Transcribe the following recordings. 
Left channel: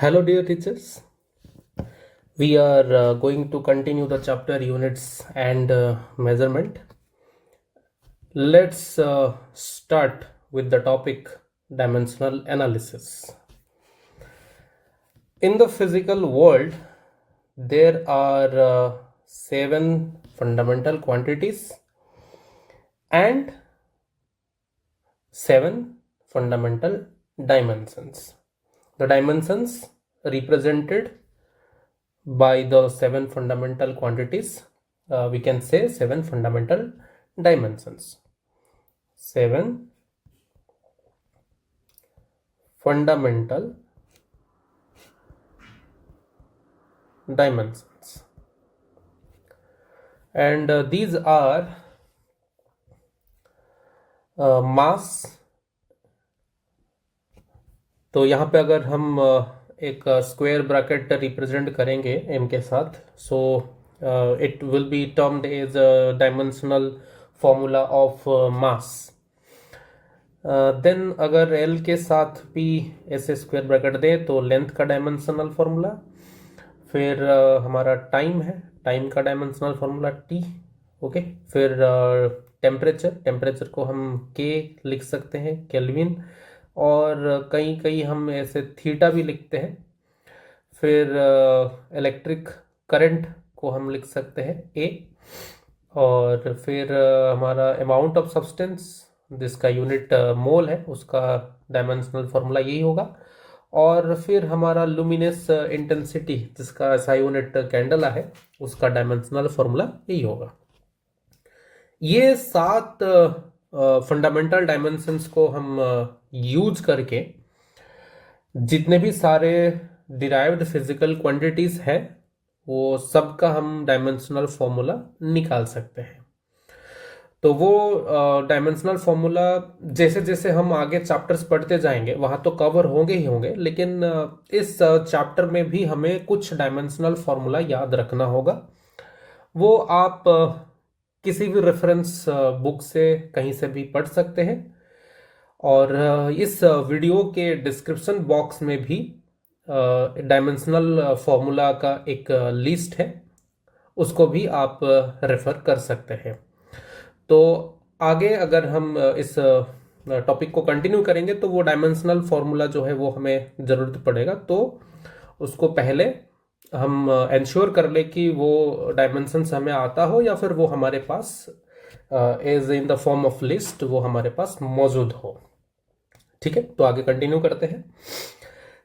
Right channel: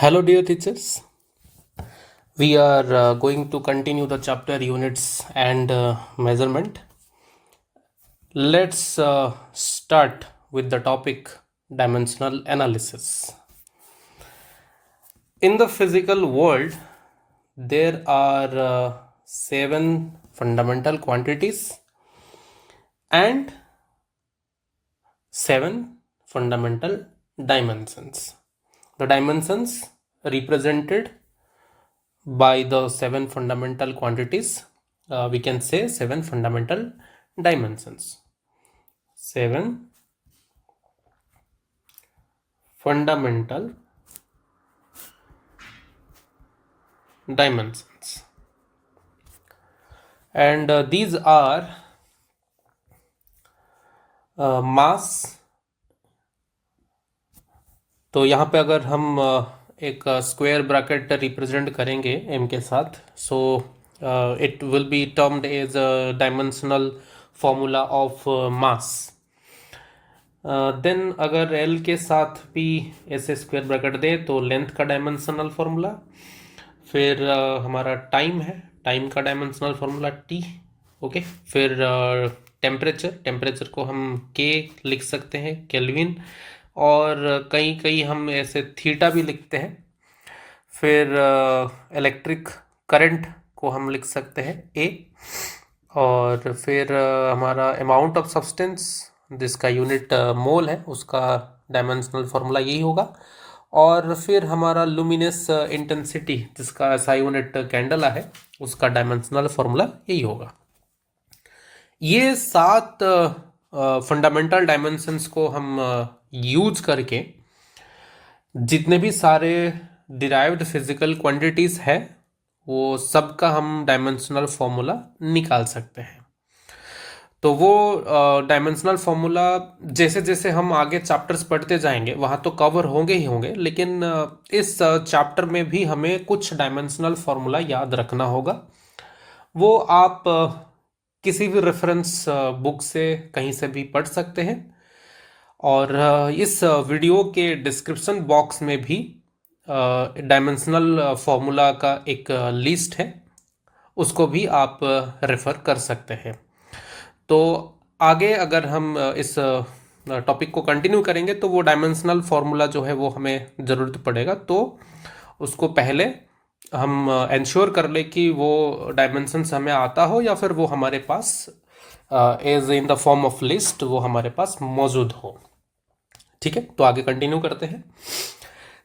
Hello, dear teachers. We are going to continue the chapter units and measurement. Let's start with the topic dimensional analysis. In the physical world, there are 7 fundamental quantities and 7 fundamental dimensions. The dimensions represented by the 7 fundamental quantities, we can say 7 fundamental dimensions. 7 fundamental dimensions, and these are mass. तो यहाँ पे अगर हम एक square bracket represent करेंगे m के साथ, so it will be termed as dimensional formula of mass. Then अगर l के साथ भी ऐसे स्क्वायर ब्रैकेट दें तो लेंथ का डायमेंशनल फॉर्मूला, फिर हमारा टाइम है, टाइम का डायमेंशनल फॉर्मूला t. ओके, फिर टेम्परेचर को हम k लिख सकते हैं, केल्विन, और कहीं हम ऐसे थीटा भी लिखते हैं. फिर इलेक्ट्रिक करंट को हम लिख सकते हैं A, और फिर हमारा अमाउंट ऑफ सब्सटेंस जिसका यूनिट मोल है उसका डायमेंशनल फॉर्मूला यही होगा. और फिर हमारा लुमिनस इंटेंसिटी जिसका SI यूनिट कैंडला है उसका डायमेंशनल फॉर्मूला यही होगा. ये 7 फंडामेंटल डायमेंशंस को हम यूज करके जितने भी सारे डिराइव्ड फिजिकल क्वांटिटीज है वो सब का हम डायमेंशनल फॉर्मूला निकाल सकते हैं. तो वो डायमेंशनल फॉर्मूला जैसे जैसे हम आगे चैप्टर्स पढ़ते जाएंगे वहाँ तो कवर होंगे ही होंगे, लेकिन इस चैप्टर में भी हमें कुछ डायमेंशनल फॉर्मूला याद रखना होगा. वो आप किसी भी रेफरेंस बुक से कहीं से भी पढ़ सकते हैं, और इस वीडियो के डिस्क्रिप्शन बॉक्स में भी डायमेंशनल फॉर्मूला का एक लिस्ट है, उसको भी आप रेफर कर सकते हैं. तो आगे अगर हम इस टॉपिक को कंटिन्यू करेंगे तो वो डायमेंशनल फॉर्मूला जो है वो हमें ज़रूरत पड़ेगा, तो उसको पहले हम इंश्योर कर ले कि वो डायमेंशंस हमें आता हो या फिर वो हमारे पास as in the form of list वो हमारे पास मौजूद हो. ठीक है, तो आगे कंटिन्यू करते हैं.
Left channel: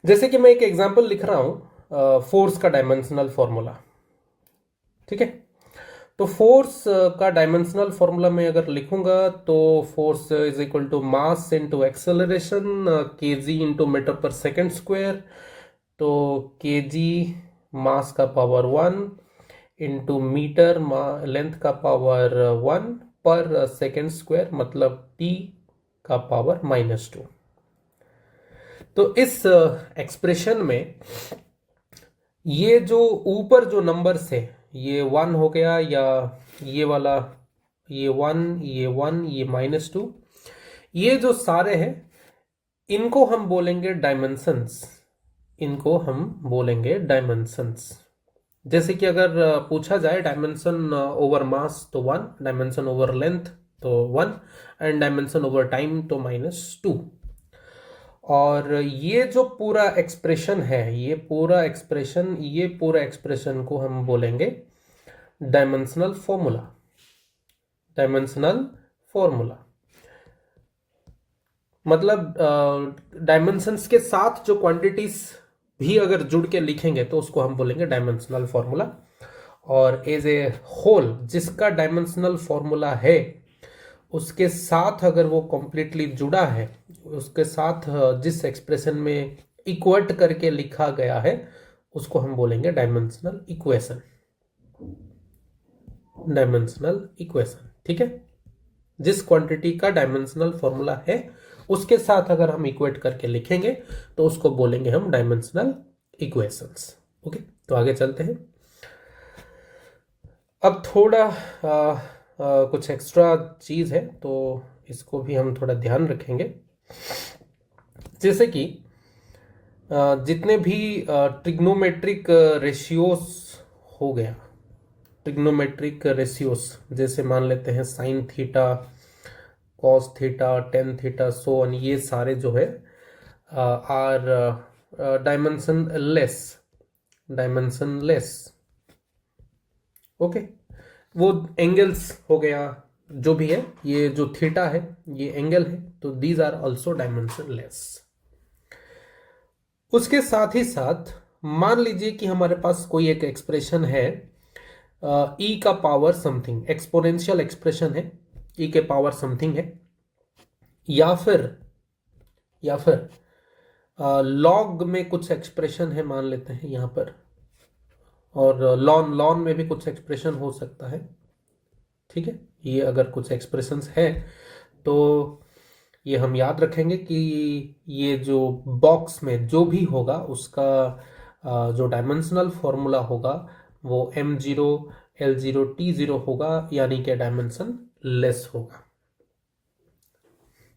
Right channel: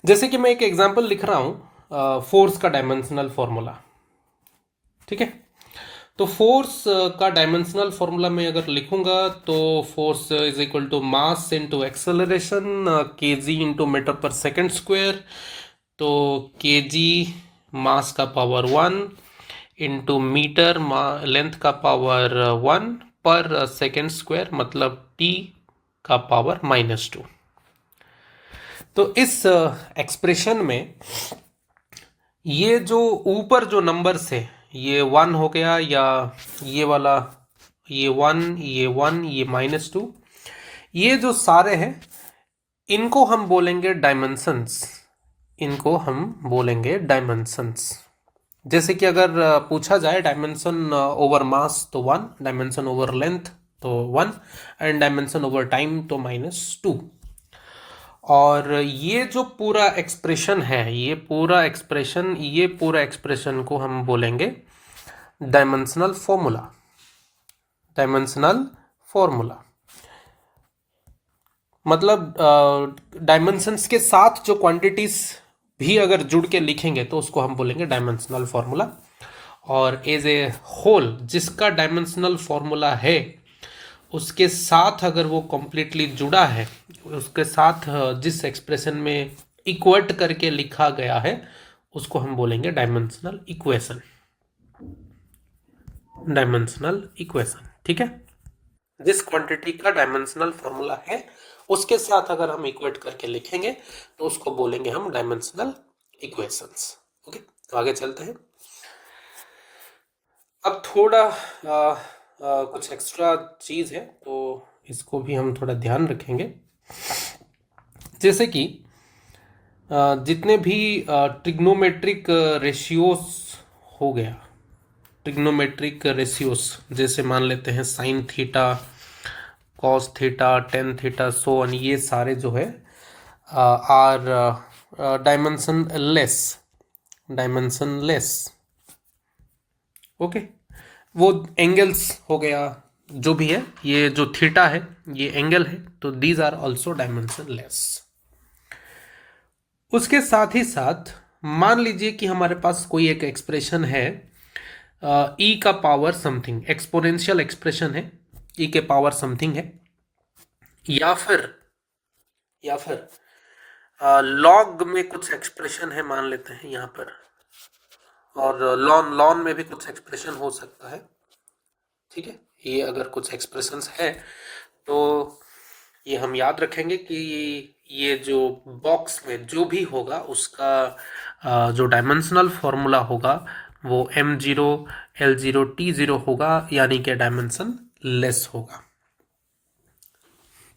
जैसे कि मैं एक एग्जांपल लिख रहा हूं, फोर्स का डायमेंशनल फॉर्मूला. ठीक है, तो फोर्स का डायमेंशनल फॉर्मूला में अगर लिखूंगा तो force is equal to mass into acceleration, KG into metre per second square. तो केजी मास का पावर 1 इनटू मीटर लेंथ का पावर 1 पर सेकंड स्क्वायर, मतलब टी का पावर -2. तो इस एक्सप्रेशन में ये जो ऊपर जो नंबर्स है ये 1 हो गया, या ये वाला ये 1, ये 1, ये -2, ये जो सारे हैं इनको हम बोलेंगे डायमेंशंस. इनको हम बोलेंगे डायमेंशंस. जैसे कि अगर पूछा जाए डायमेंशन ओवर मास तो 1, डायमेंशन ओवर लेंथ तो 1, एंड डायमेंशन ओवर टाइम तो -2. और ये जो पूरा एक्सप्रेशन है, ये पूरा एक्सप्रेशन को हम बोलेंगे डायमेंशनल फॉर्मूला. डायमेंशनल फॉर्मूला मतलब डायमेंशंस के साथ जो क्वांटिटीज भी अगर जुड़ के लिखेंगे तो उसको हम बोलेंगे डायमेंशनल फॉर्मूला. और एज ए होल जिसका डायमेंशनल फॉर्मूला है उसके साथ अगर वो कंप्लीटली जुड़ा है, उसके साथ जिस एक्सप्रेशन में इक्वेट करके लिखा गया है उसको हम बोलेंगे डायमेंशनल इक्वेशन. डायमेंशनल इक्वेशन, ठीक है. जिस क्वांटिटी का डायमेंशनल फॉर्मूला है उसके साथ अगर हम इक्वेट करके लिखेंगे तो उसको बोलेंगे हम डायमेंशनल इक्वेशंस. ओके, तो आगे चलते हैं. अब थोड़ा कुछ एक्स्ट्रा चीज़ है तो इसको भी हम थोड़ा ध्यान रखेंगे. जैसे कि जितने भी ट्रिग्नोमेट्रिक रेशियोस हो गया, ट्रिग्नोमेट्रिक रेशियोस जैसे मान लेते हैं sine theta, cos theta, tan theta, so on, ये सारे जो है are dimensionless, dimensionless. Okay, वो एंगल्स हो गया, जो भी है, ये जो थीटा है ये एंगल है, तो these are also dimensionless. उसके साथ ही साथ मान लीजिए कि हमारे पास कोई एक एक्सप्रेशन है, ई का पावर समथिंग, एक्सपोनेंशियल एक्सप्रेशन है, ई के पावर समथिंग है, या फिर लॉग में कुछ एक्सप्रेशन है मान लेते हैं यहाँ पर, और लॉन लॉन में भी कुछ एक्सप्रेशन हो सकता है। ठीक है, ये अगर कुछ एक्सप्रेशंस है तो ये हम याद रखेंगे कि ये जो बॉक्स में जो भी होगा उसका जो डायमेंशनल फॉर्मूला होगा वो m0 l0 t0 होगा, यानी कि डायमेंशन लेस होगा।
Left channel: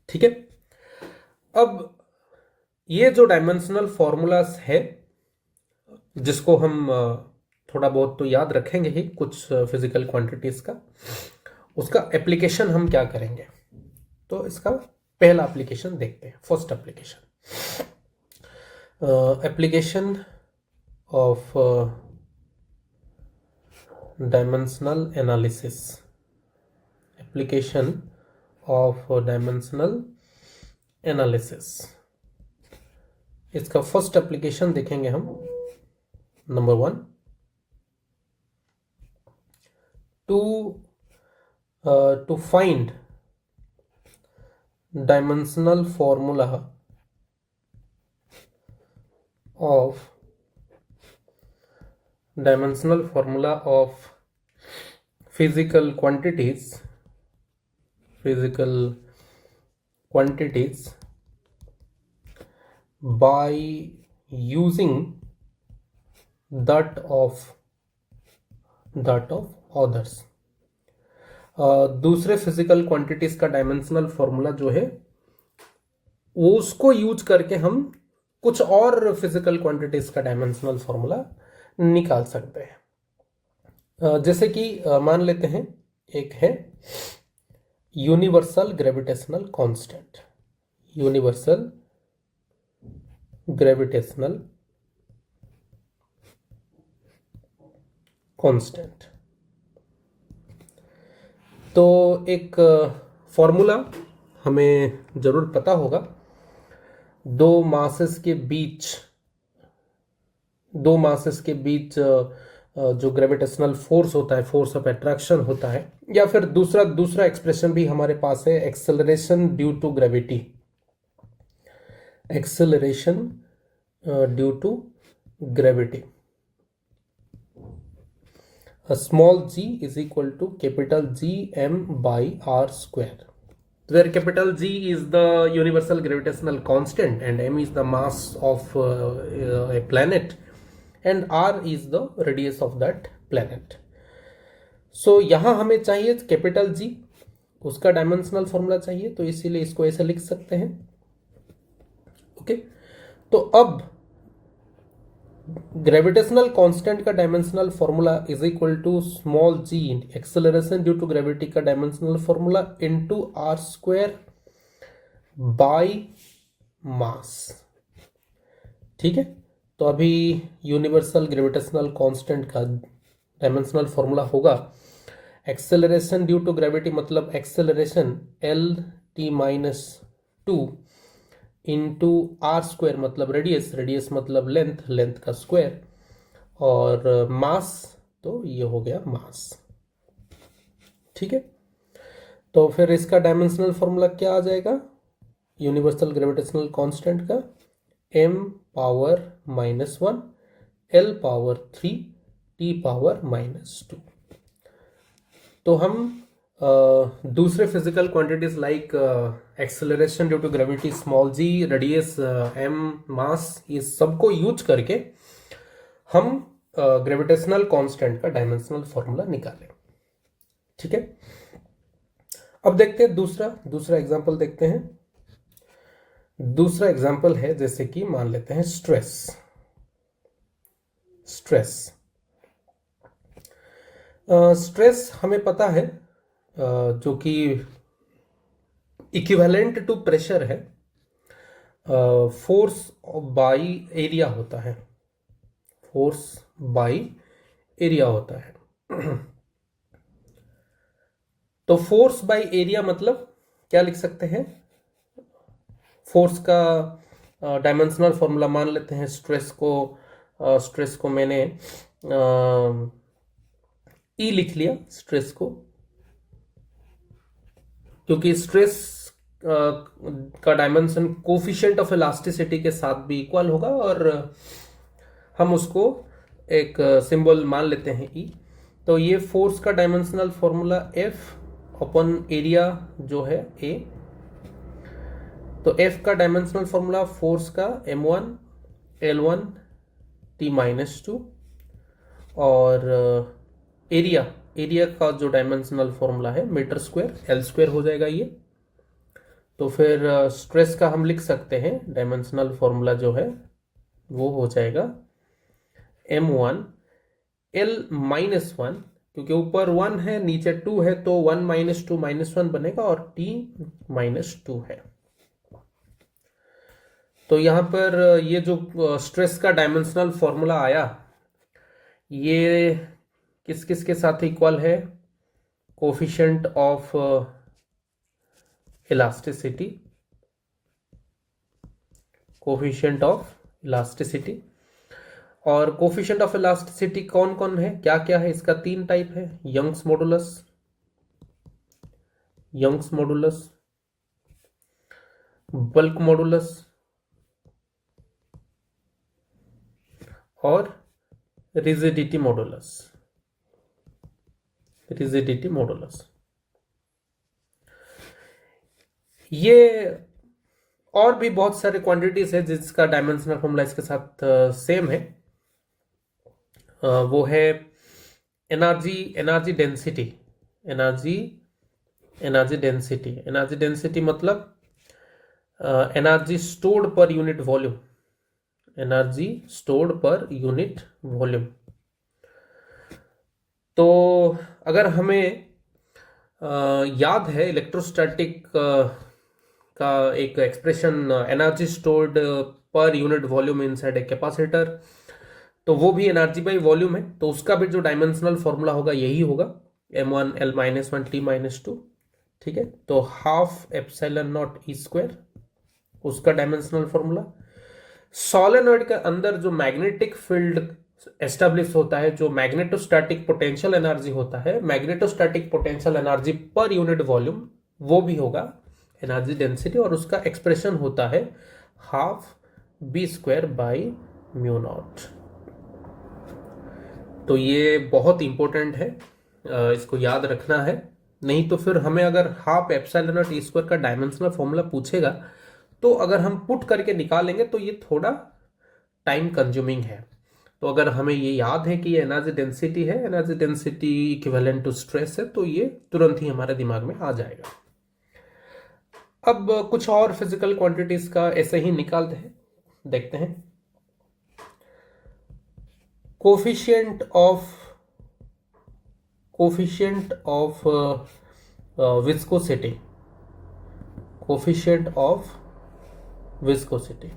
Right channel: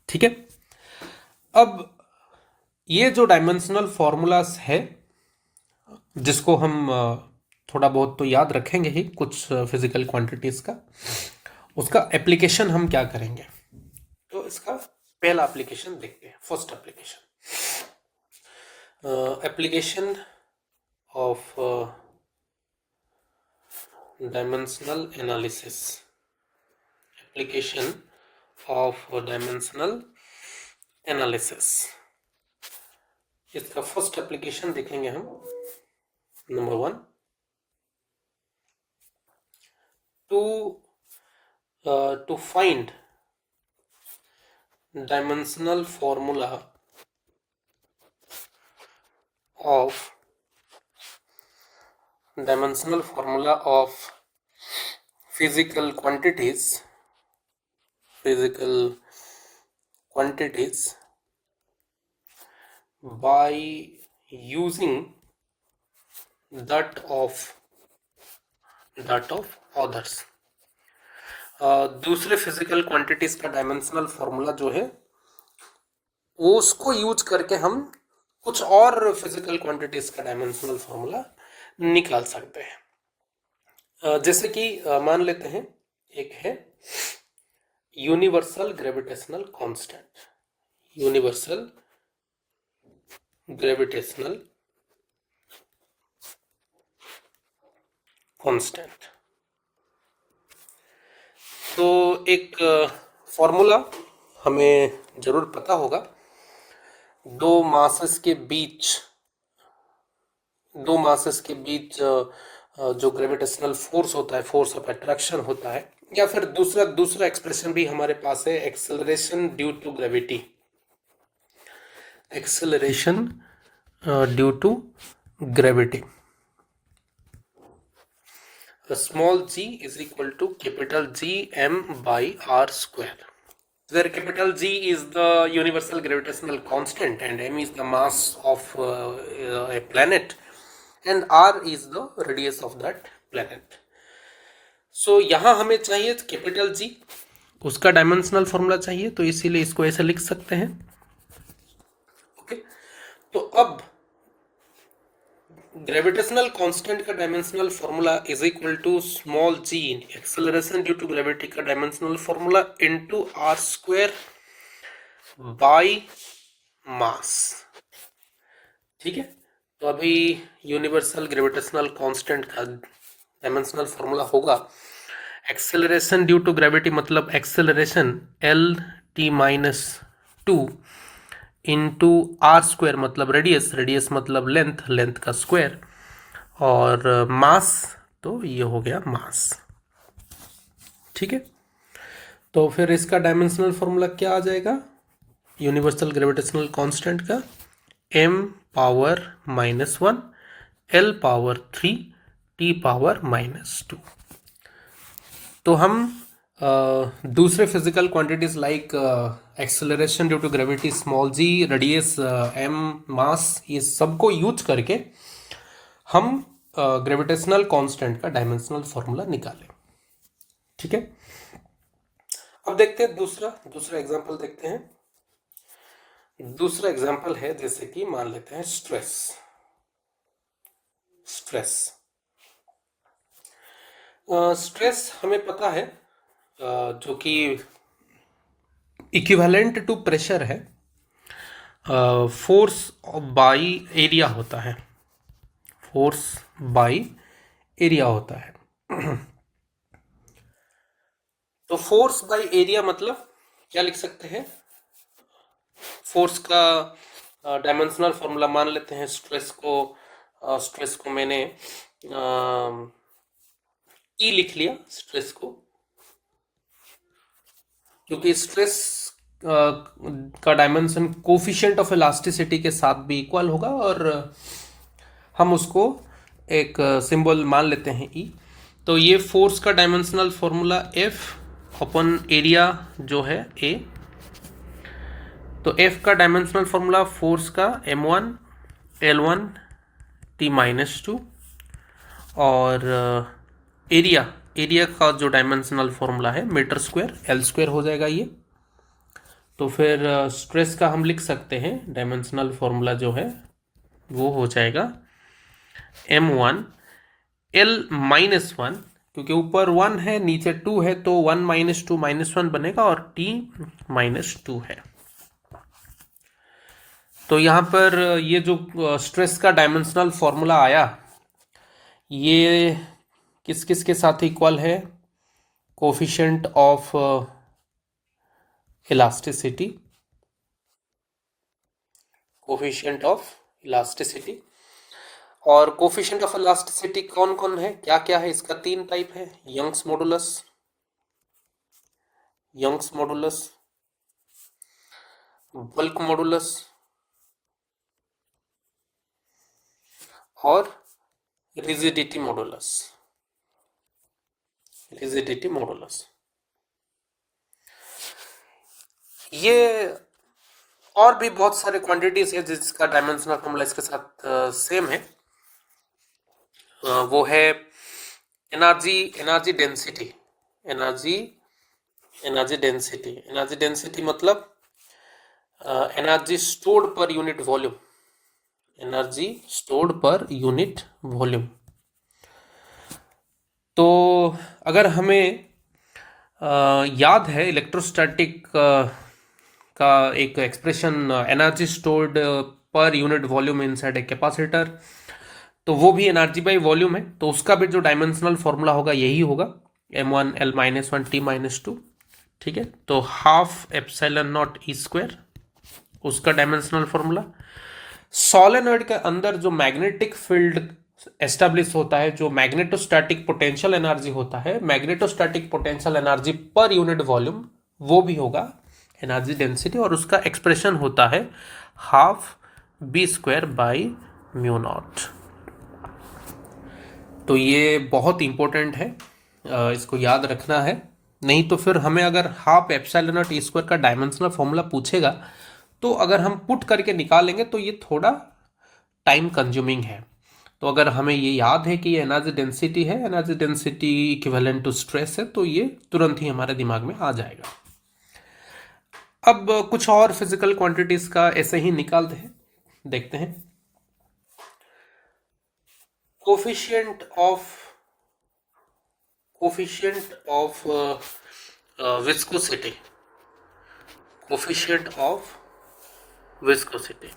ठीक है, अब ये जो डायमेंशनल फॉर्मूलास है जिसको हम थोड़ा बहुत तो याद रखेंगे ही, कुछ फिजिकल क्वांटिटीज का, उसका एप्लीकेशन हम क्या करेंगे, तो इसका पहला एप्लीकेशन देखते हैं। First application of dimensional analysis, application of dimensional analysis, इसका फर्स्ट एप्लीकेशन देखेंगे हम। Number 1, to find dimensional formula of physical quantities by using that of others। दूसरे फिजिकल क्वांटिटीज का डायमेंशनल फॉर्मूला जो है वो उसको यूज करके हम कुछ और फिजिकल क्वांटिटीज का डायमेंशनल फॉर्मूला निकाल सकते हैं। जैसे कि मान लेते हैं एक है universal gravitational constant, universal gravitational constant. तो एक फॉर्मूला हमें जरूर पता होगा, दो मासेस के बीच जो ग्रेविटेशनल फोर्स होता है, फोर्स ऑफ अट्रैक्शन होता है, या फिर दूसरा एक्सप्रेशन भी हमारे पास है, acceleration due to gravity, acceleration due to gravity. Small g is equal to capital G m by r square, where capital G is the universal gravitational constant and m is the mass of a planet and r is the radius of that planet. So यहाँ हमें चाहिए capital G, उसका dimensional formula चाहिए, तो इसीलिए इसको ऐसे लिख सकते हैं। ओके, तो अब ग्रेविटेशनल कांस्टेंट का dimensional formula is equal to small g acceleration due to gravity का dimensional formula into R square by mass. ठीक है, तो अभी यूनिवर्सल ग्रेविटेशनल कांस्टेंट का डायमेंशनल फॉर्मूला होगा एक्सेलरेशन ड्यू टू ग्रेविटी, मतलब acceleration L t-2 into are square मतलब radius मतलब लेंथ का स्क्वायर, और मास तो ये हो गया मास। ठीक है, तो फिर इसका डायमेंशनल फॉर्मूला क्या आ जाएगा यूनिवर्सल ग्रेविटेशनल कांस्टेंट का, m power -1 L power 3 t power -2। तो हम दूसरे physical quantities like acceleration due to gravity, small G, radius m, mass, ये सबको यूज करके हम ग्रेविटेशनल कांस्टेंट का डायमेंशनल फॉर्मूला निकालें। ठीक है, अब देखते हैं दूसरा एग्जांपल देखते हैं। दूसरा एग्जाम्पल है, जैसे कि मान लेते हैं स्ट्रेस। स्ट्रेस हमें पता है जो कि इक्विवेलेंट टू प्रेशर है, फोर्स बाई एरिया होता है, फोर्स बाई एरिया होता है। तो फोर्स बाई एरिया मतलब क्या लिख सकते हैं? फोर्स का डायमेंशनल फॉर्मूला मान लेते हैं। स्ट्रेस को मैंने ई लिख लिया, स्ट्रेस को, क्योंकि स्ट्रेस का डायमेंशन कोफिशिएंट ऑफ इलास्टिसिटी के साथ भी इक्वल होगा, और हम उसको एक सिंबल मान लेते हैं ई। तो ये फोर्स का डायमेंशनल फॉर्मूला एफ अपन एरिया जो है ए। तो एफ का डायमेंशनल फॉर्मूला फोर्स का m1 l1 t-2, और एरिया का जो डायमेंशनल फॉर्मूला है मीटर स्क्वायर एल स्क्वायर हो जाएगा ये। तो फिर स्ट्रेस का हम लिख सकते हैं डायमेंशनल फॉर्मूला जो है वो हो जाएगा m1 l-1, क्योंकि ऊपर 1 है नीचे 2 है, तो 1 - 2 -1 बनेगा, और t-2 है। तो यहाँ पर ये जो स्ट्रेस का डायमेंशनल फॉर्मूला आया, ये किस किस के साथ इक्वल है? Coefficient of elasticity, coefficient of elasticity. और कोफिशिएंट ऑफ इलास्टिसिटी कौन कौन है, क्या क्या है? इसका 3 टाइप है। यंग्स मॉडुलस, बल्क मॉडुलस और रिजिडिटी मॉडुलस। ये और भी बहुत सारे क्वांटिटीज है जिसका डायमेंशनल फॉर्मूला इसके साथ सेम है। वो है एनर्जी डेंसिटी मतलब energy stored per unit volume. तो अगर हमें याद है इलेक्ट्रोस्टैटिक का एक expression, energy stored per unit volume inside a capacitor, तो वो भी एनर्जी बाई वॉल्यूम है। तो उसका भी जो डायमेंशनल फॉर्मूला होगा यही होगा, m1 l-1 t-2। ठीक है, तो half epsilon naught e square उसका डायमेंशनल फॉर्मूला। सोलेनॉइड के अंदर जो मैग्नेटिक फील्ड एस्टेब्लिश होता है, जो मैग्नेटोस्टैटिक पोटेंशियल एनर्जी होता है, magnetostatic potential energy per unit volume, वो भी होगा एनर्जी डेंसिटी, और उसका एक्सप्रेशन होता है हाफ b²/μ0। तो ये बहुत इंपॉर्टेंट है, इसको याद रखना है। नहीं तो फिर हमें अगर half epsilon naught e square का डायमेंशनल फॉर्मूला पूछेगा, तो अगर हम पुट करके निकालेंगे तो ये थोड़ा टाइम कंज्यूमिंग है। तो अगर हमें ये याद है कि ये एनर्जी डेंसिटी है, energy density equivalent to stress है, तो ये तुरंत ही हमारे दिमाग में आ जाएगा। अब कुछ और फिजिकल क्वांटिटीज का ऐसे ही निकालते हैं, देखते हैं। कोफिशिएंट ऑफ विस्कोसिटी,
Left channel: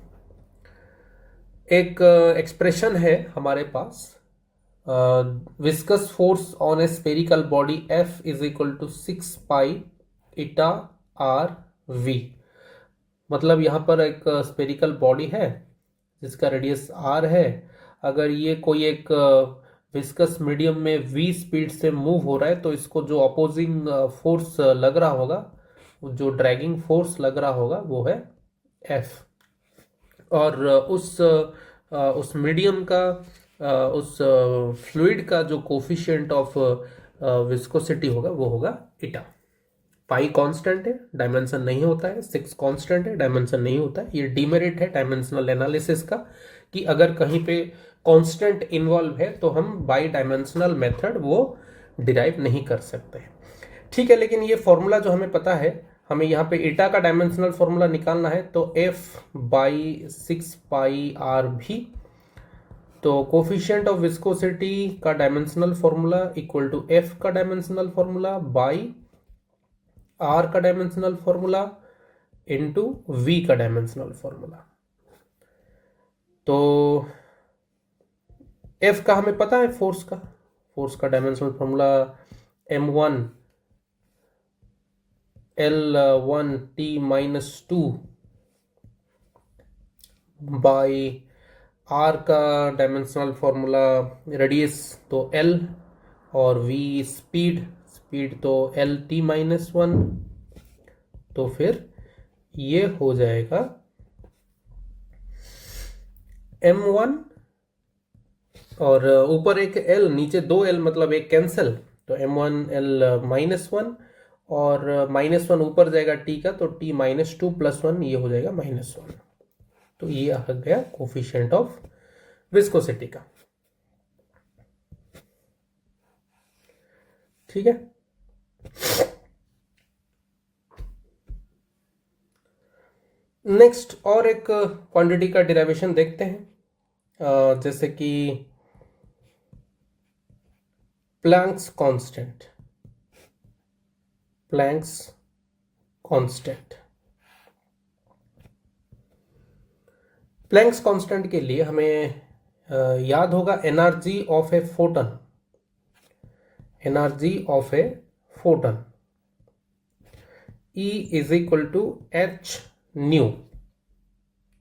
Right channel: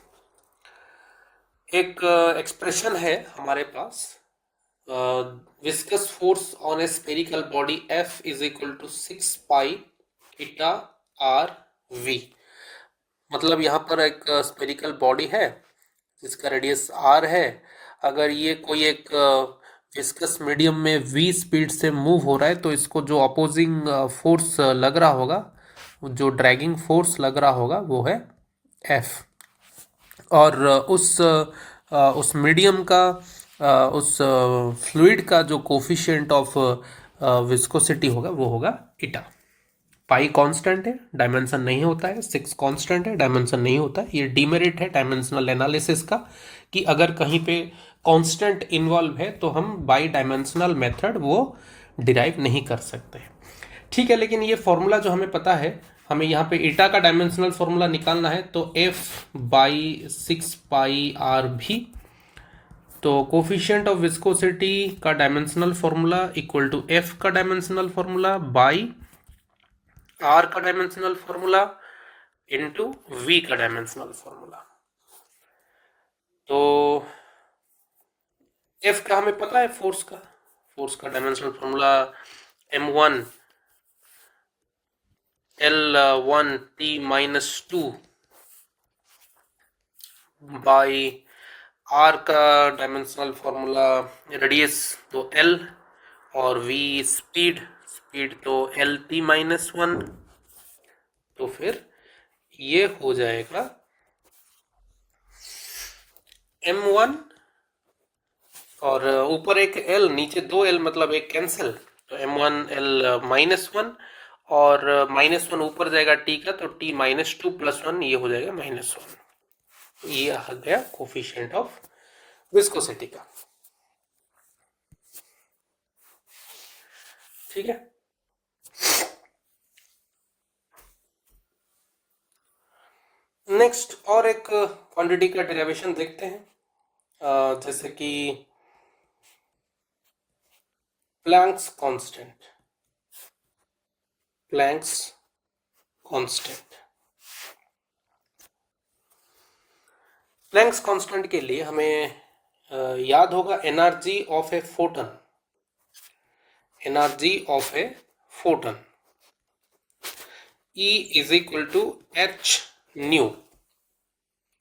एक एक्सप्रेशन है हमारे पास, viscous force on a spherical body F = 6 pi eta r v. मतलब यहाँ पर एक स्पेरिकल बॉडी है जिसका रेडियस r है। अगर ये कोई एक विस्कस मीडियम में v स्पीड से मूव हो रहा है, तो इसको जो अपोजिंग फोर्स लग रहा होगा, जो ड्रैगिंग फोर्स लग रहा होगा, वो है F। और उस मीडियम का, उस फ्लूइड का जो कोफिशिएंट ऑफ विस्कोसिटी होगा वो होगा ईटा। पाई कांस्टेंट है, डायमेंशन नहीं होता है। 6 कांस्टेंट है, डायमेंशन नहीं होता है। ये डीमेरिट है डायमेंशनल एनालिसिस का, कि अगर कहीं पे कांस्टेंट इन्वॉल्व है तो हम बाई डायमेंशनल मेथड वो डिराइव नहीं कर सकते। ठीक है, लेकिन ये फॉर्मूला जो हमें पता है, हमें यहाँ पे ईटा का डायमेंशनल फॉर्मूला निकालना है, तो F/6πRV। तो कोफिशिएंट ऑफ विस्कोसिटी का dimensional formula equal to F का डायमेंशनल फॉर्मूला बाई R का डायमेंशनल फॉर्मूला इनटू V का डायमेंशनल फॉर्मूला। तो F का हमें पता है, फोर्स का dimensional formula M1 L1 T-2 by R का डायमेंशनल फॉर्मूला रेडियस तो L और V स्पीड तो LT-1। तो फिर ये हो जाएगा M1 और ऊपर एक L नीचे 2 L मतलब एक कैंसिल, तो M1 L-1 और -1 ऊपर जाएगा T का, तो T-2 + 1 ये हो जाएगा -1। तो ये आ गया कोफिशिएंट ऑफ विस्कोसिटी का। ठीक है, नेक्स्ट और एक क्वांटिटी का डेरिवेशन देखते हैं, जैसे कि प्लैंक्स कांस्टेंट। प्लैंक्स कांस्टेंट के लिए हमें याद होगा energy of A Foton. E is equal to h nu,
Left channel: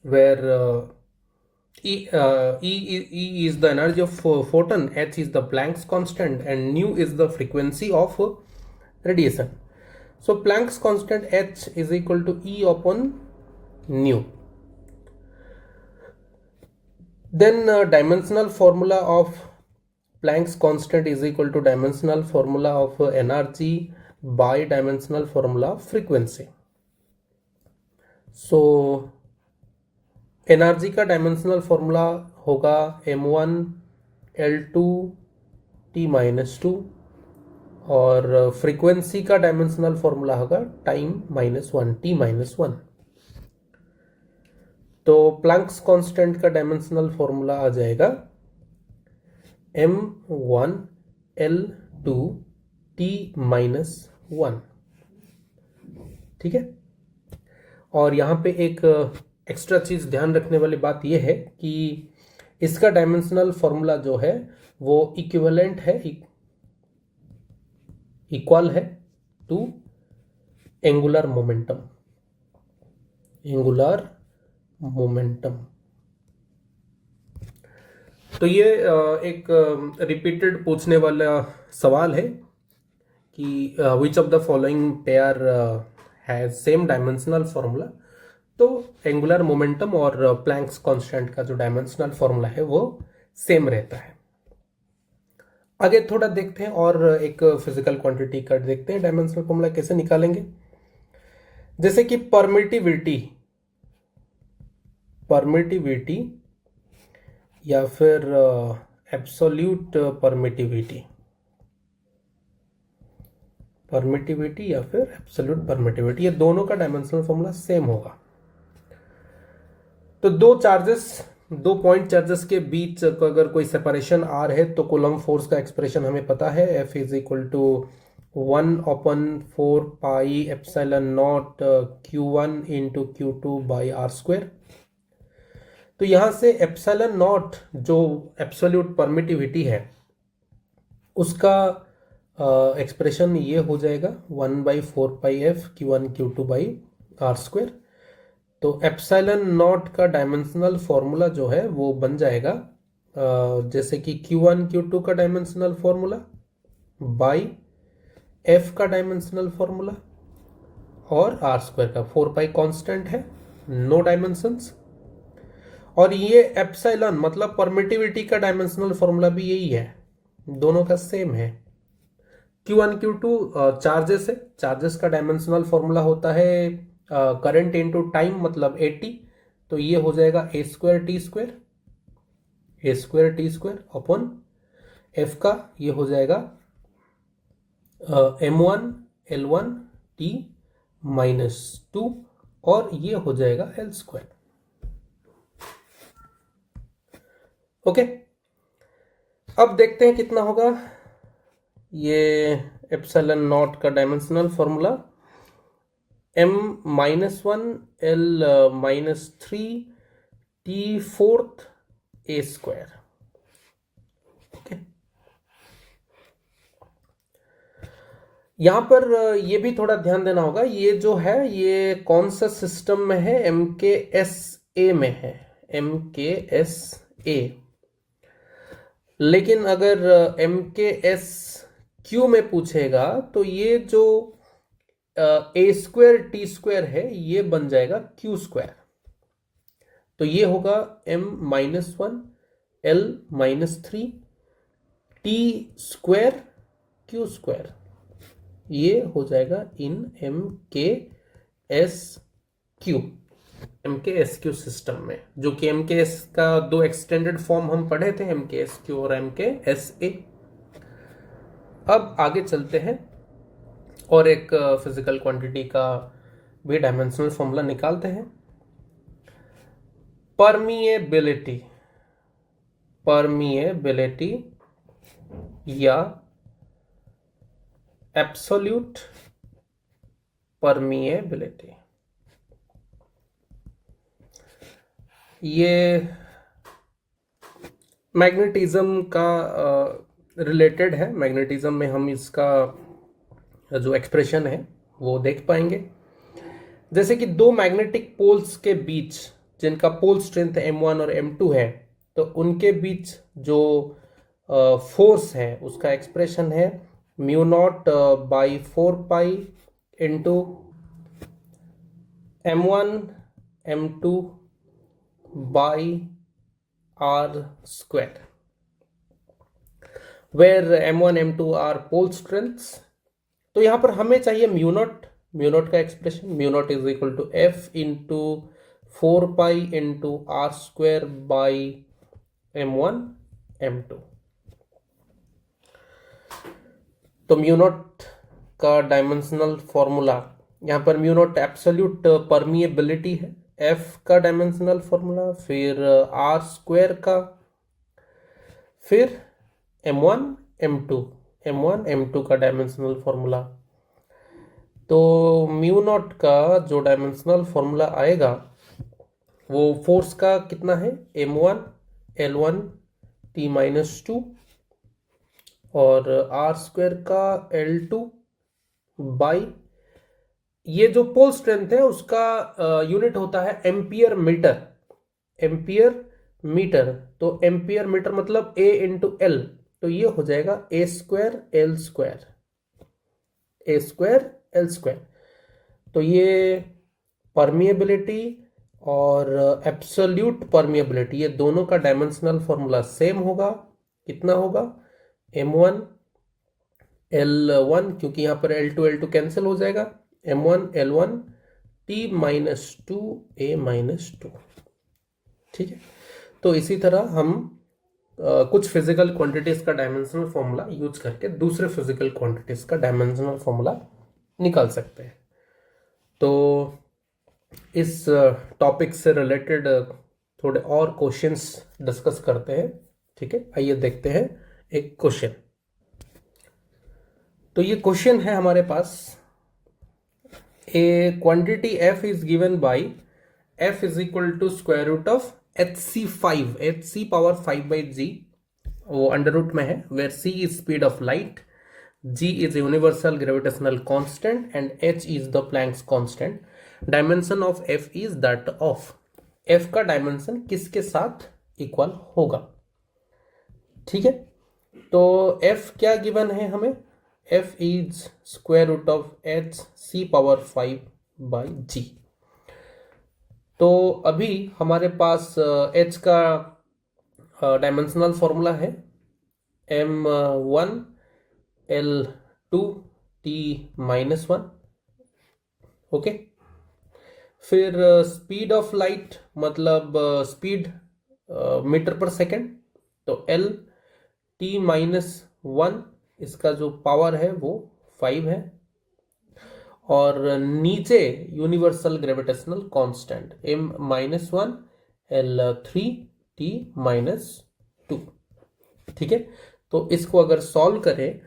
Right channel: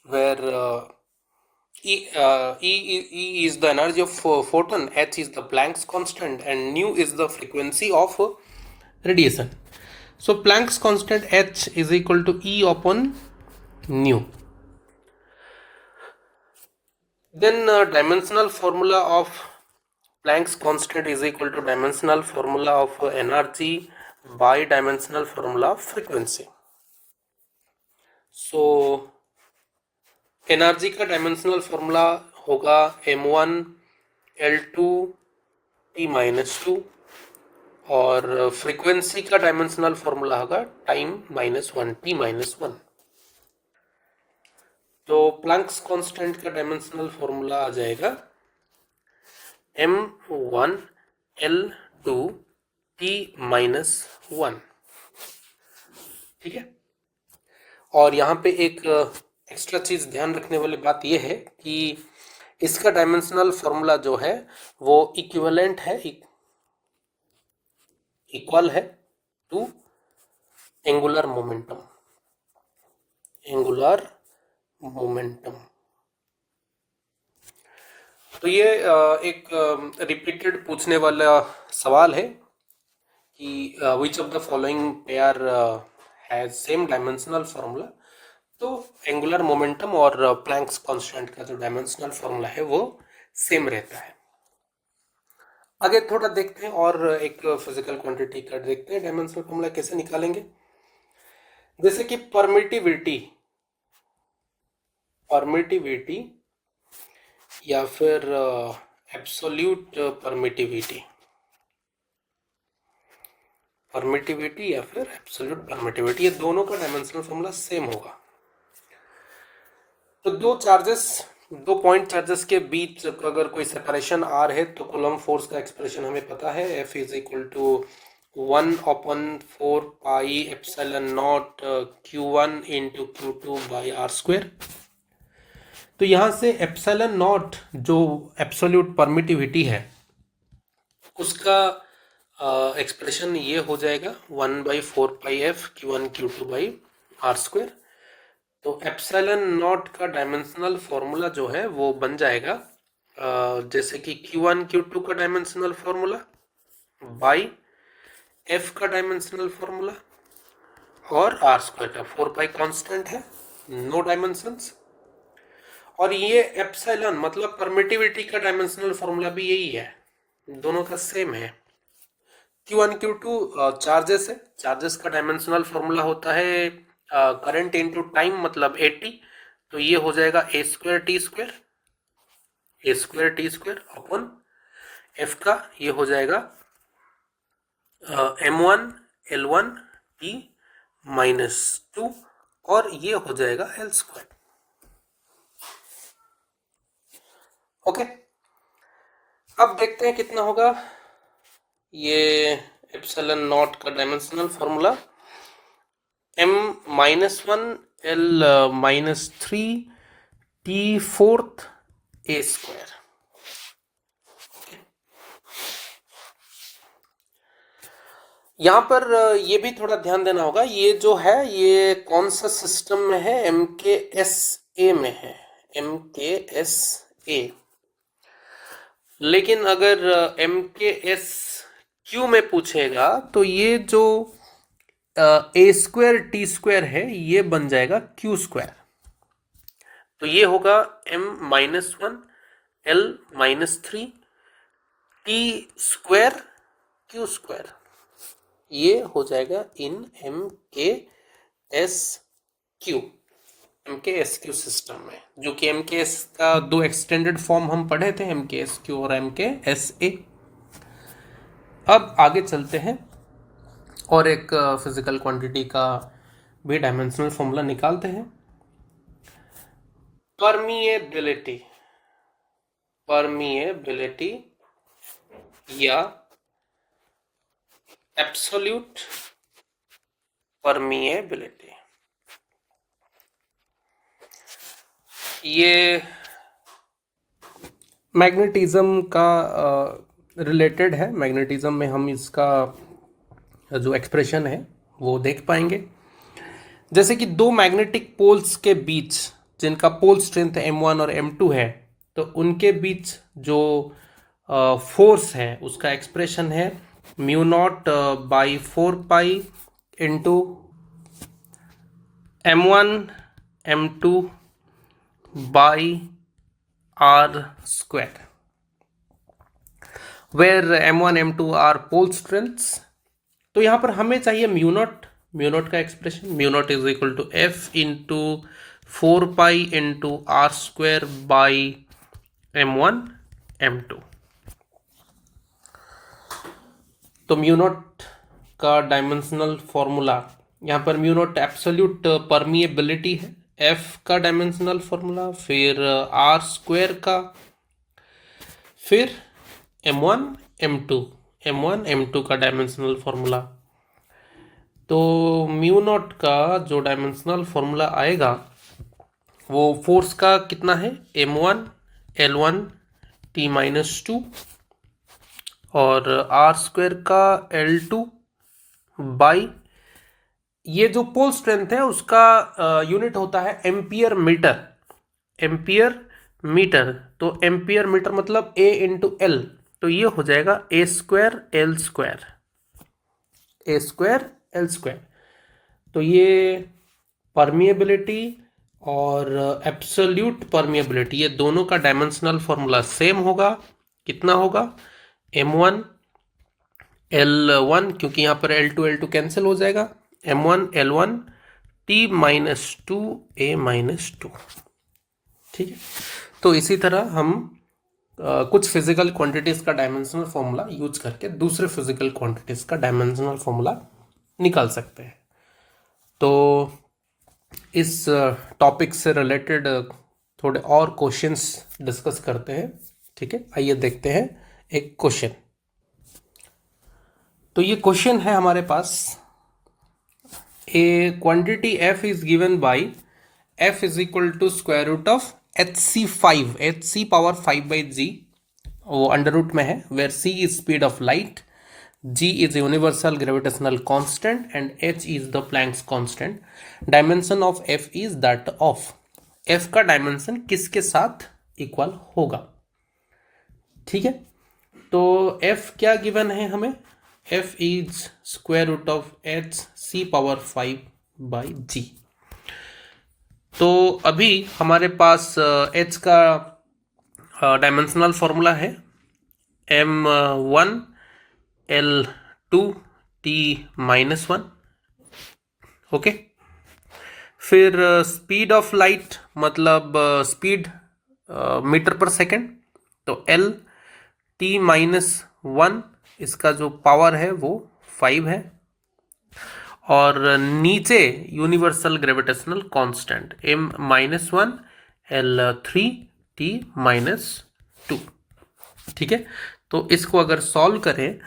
where E is the energy of photon, h is the Planck's constant, and nu is the frequency of radiation. So Planck's constant h is equal to E upon nu. Then dimensional formula of Planck's constant is equal to dimensional formula of energy by dimensional formula of frequency. So energy का dimensional formula होगा M1 L2 T-2 और frequency का dimensional formula होगा time -1 T-1। तो Planck's constant का dimensional formula आ जाएगा M1 L2 T-1। ठीक है, और यहाँ पे एक एक्स्ट्रा चीज़ ध्यान रखने वाली बात यह है कि इसका डायमेंशनल फॉर्मूला जो है वो इक्विवेलेंट है, इक्वल है टू एंगुलर मोमेंटम। तो ये एक रिपीटेड पूछने वाला सवाल है कि which of the following pair has same dimensional formula. तो एंगुलर मोमेंटम और प्लैंक्स कांस्टेंट का जो डायमेंशनल फॉर्मूला है वो सेम रहता है। आगे थोड़ा देखते हैं और एक फिजिकल क्वांटिटी का देखते हैं डायमेंशनल फॉर्मूला कैसे निकालेंगे। जैसे कि परमिटिविटी या फिर एब्सोल्यूट परमिटिविटी या फिर एब्सोल्यूट परमिटिविटी, ये दोनों का डायमेंशनल फॉर्मूला सेम होगा। तो दो पॉइंट चार्जेस के बीच अगर कोई सेपरेशन आर है तो कूलम्ब फोर्स का एक्सप्रेशन हमें पता है, F is equal to 1/4πε0 Q1 into Q2 by R²। तो यहां से ε0 जो एब्सोल्यूट परमिटिविटी है उसका एक्सप्रेशन ये हो जाएगा 1/4πf Q1 Q2 by R²। तो ε0 का डायमेंशनल फॉर्मूला जो है वो बन जाएगा जैसे कि Q1 Q2 का डायमेंशनल फॉर्मूला बाई F का डायमेंशनल फॉर्मूला और R² का 4π कांस्टेंट है, नो डायमेंशंस। और ये एप्सिलॉन मतलब परमिटिविटी का डायमेंशनल फॉर्मूला भी यही है, दोनों का सेम है। Q1 Q2 चार्जेस है, चार्जेस का डायमेंशनल फॉर्मूला होता है करंट इनटू टाइम मतलब 80। तो ये हो जाएगा A² T² अपॉन F का ये हो जाएगा M1 L1 T -2 और ये हो जाएगा L²। ओके, अब देखते हैं कितना होगा ये एप्सिलॉन नॉट का dimensional formula. m-1 L-3 T⁴ A²। यहां पर ये भी थोड़ा ध्यान देना होगा, ये जो है ये कौन सा सिस्टम में है, MKS-A में है, MKS-A। लेकिन अगर MKS-Q में पूछेगा तो ये जो A²T² है ये बन जाएगा Q²। तो ये होगा m-1 L-3 T² Q²। ये हो जाएगा इन MKS-Q सिस्टम में, जो कि MKS का दो एक्सटेंडेड फॉर्म हम पढ़े थे, MKS-Q और MKS-A। अब आगे चलते हैं और एक फिजिकल क्वांटिटी का भी डायमेंशनल फॉर्मूला निकालते हैं। परमिएबिलिटी या एब्सोल्यूट परमिएबिलिटी, ये मैग्नेटिज्म का रिलेटेड है। मैग्नेटिज्म में हम इसका जो एक्सप्रेशन है वो देख पाएंगे। जैसे कि दो मैग्नेटिक पोल्स के बीच जिनका पोल स्ट्रेंथ m1 और m2 है, तो उनके बीच जो फोर्स है उसका एक्सप्रेशन है μ0/4π into m1 m2 by r², where m1 m2 are pole strengths. तो यहां पर हमें चाहिए म्यू नॉट का expression, μ0 is equal to F into 4π into r² by m1 m2। तो म्यू नॉट का डायमेंशनल फॉर्मूला, यहाँ पर म्यू नॉट एब्सोल्यूट परमिएबिलिटी है, F का डायमेंशनल फॉर्मूला, फिर r² का, फिर m1 m2 का डायमेंशनल फॉर्मूला। तो म्यू नॉट का जो डायमेंशनल फॉर्मूला आएगा वो फोर्स का कितना है, m1 L1 T-2 और r² का L2 बाई, ये जो पोल स्ट्रेंथ है उसका यूनिट होता है एम्पियर मीटर। तो एम्पियर मीटर मतलब A इंटू L, तो ये हो जाएगा A²L²। तो ये परमिएबिलिटी और एब्सोल्यूट परमिएबिलिटी, ये दोनों का डायमेंशनल फॉर्मूला सेम होगा। कितना होगा, m1 L1, क्योंकि यहाँ पर L2 कैंसिल हो जाएगा, m1 L1 T-2 A-2। ठीक है, तो इसी तरह हम कुछ फिजिकल क्वांटिटीज का डायमेंशनल फॉर्मूला यूज करके दूसरे फिजिकल क्वांटिटीज का डायमेंशनल फॉर्मूला निकाल सकते हैं। तो इस टॉपिक से रिलेटेड थोड़े और क्वेश्चंस डिस्कस करते हैं। ठीक है, आइए देखते हैं एक क्वेश्चन। तो ये क्वेश्चन है हमारे पास, a quantity f is given by f is equal to square root of hc power 5/g, वो अंडर रूट में है, where c is speed of light, g is universal gravitational constant and h is the Planck's constant. Dimension of f is that of, f का dimension किसके साथ equal होगा। ठीक है, तो f क्या गिवन है हमें, f is square root of hc power 5/g। तो अभी हमारे पास h का डायमेंशनल फॉर्मूला है m1 L2 T-1। ओके, फिर स्पीड ऑफ लाइट मतलब स्पीड मीटर पर सेकेंड, तो L T-1, इसका जो पावर है वो 5 है, और नीचे universal gravitational constant m-1 L3 T-2। ठीक है, तो इसको अगर सॉल्व करें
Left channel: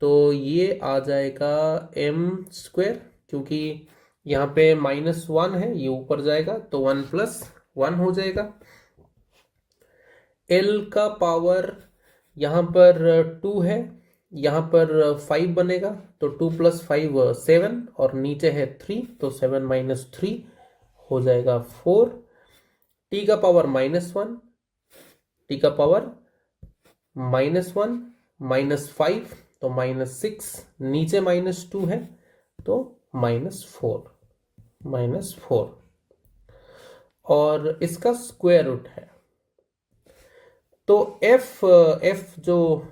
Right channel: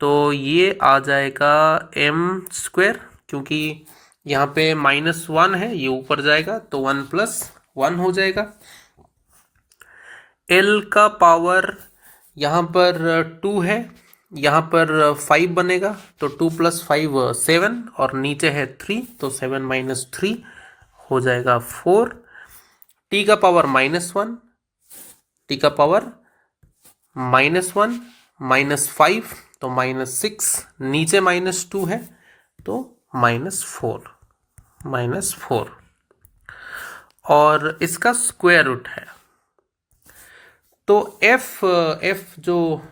तो ये आ जाएगा m², क्योंकि यहाँ पे -1 है, ये ऊपर जाएगा तो 1+1 हो जाएगा। l का पावर यहाँ पर 2 है, यहाँ पर 5 बनेगा तो 2 + 5 7, और नीचे है 3 तो 7 - 3 हो जाएगा 4। t का पावर -1, t का पावर -1 -5 तो -6, नीचे -2 है तो -4 और इसका स्क्वायर रूट है। तो f जो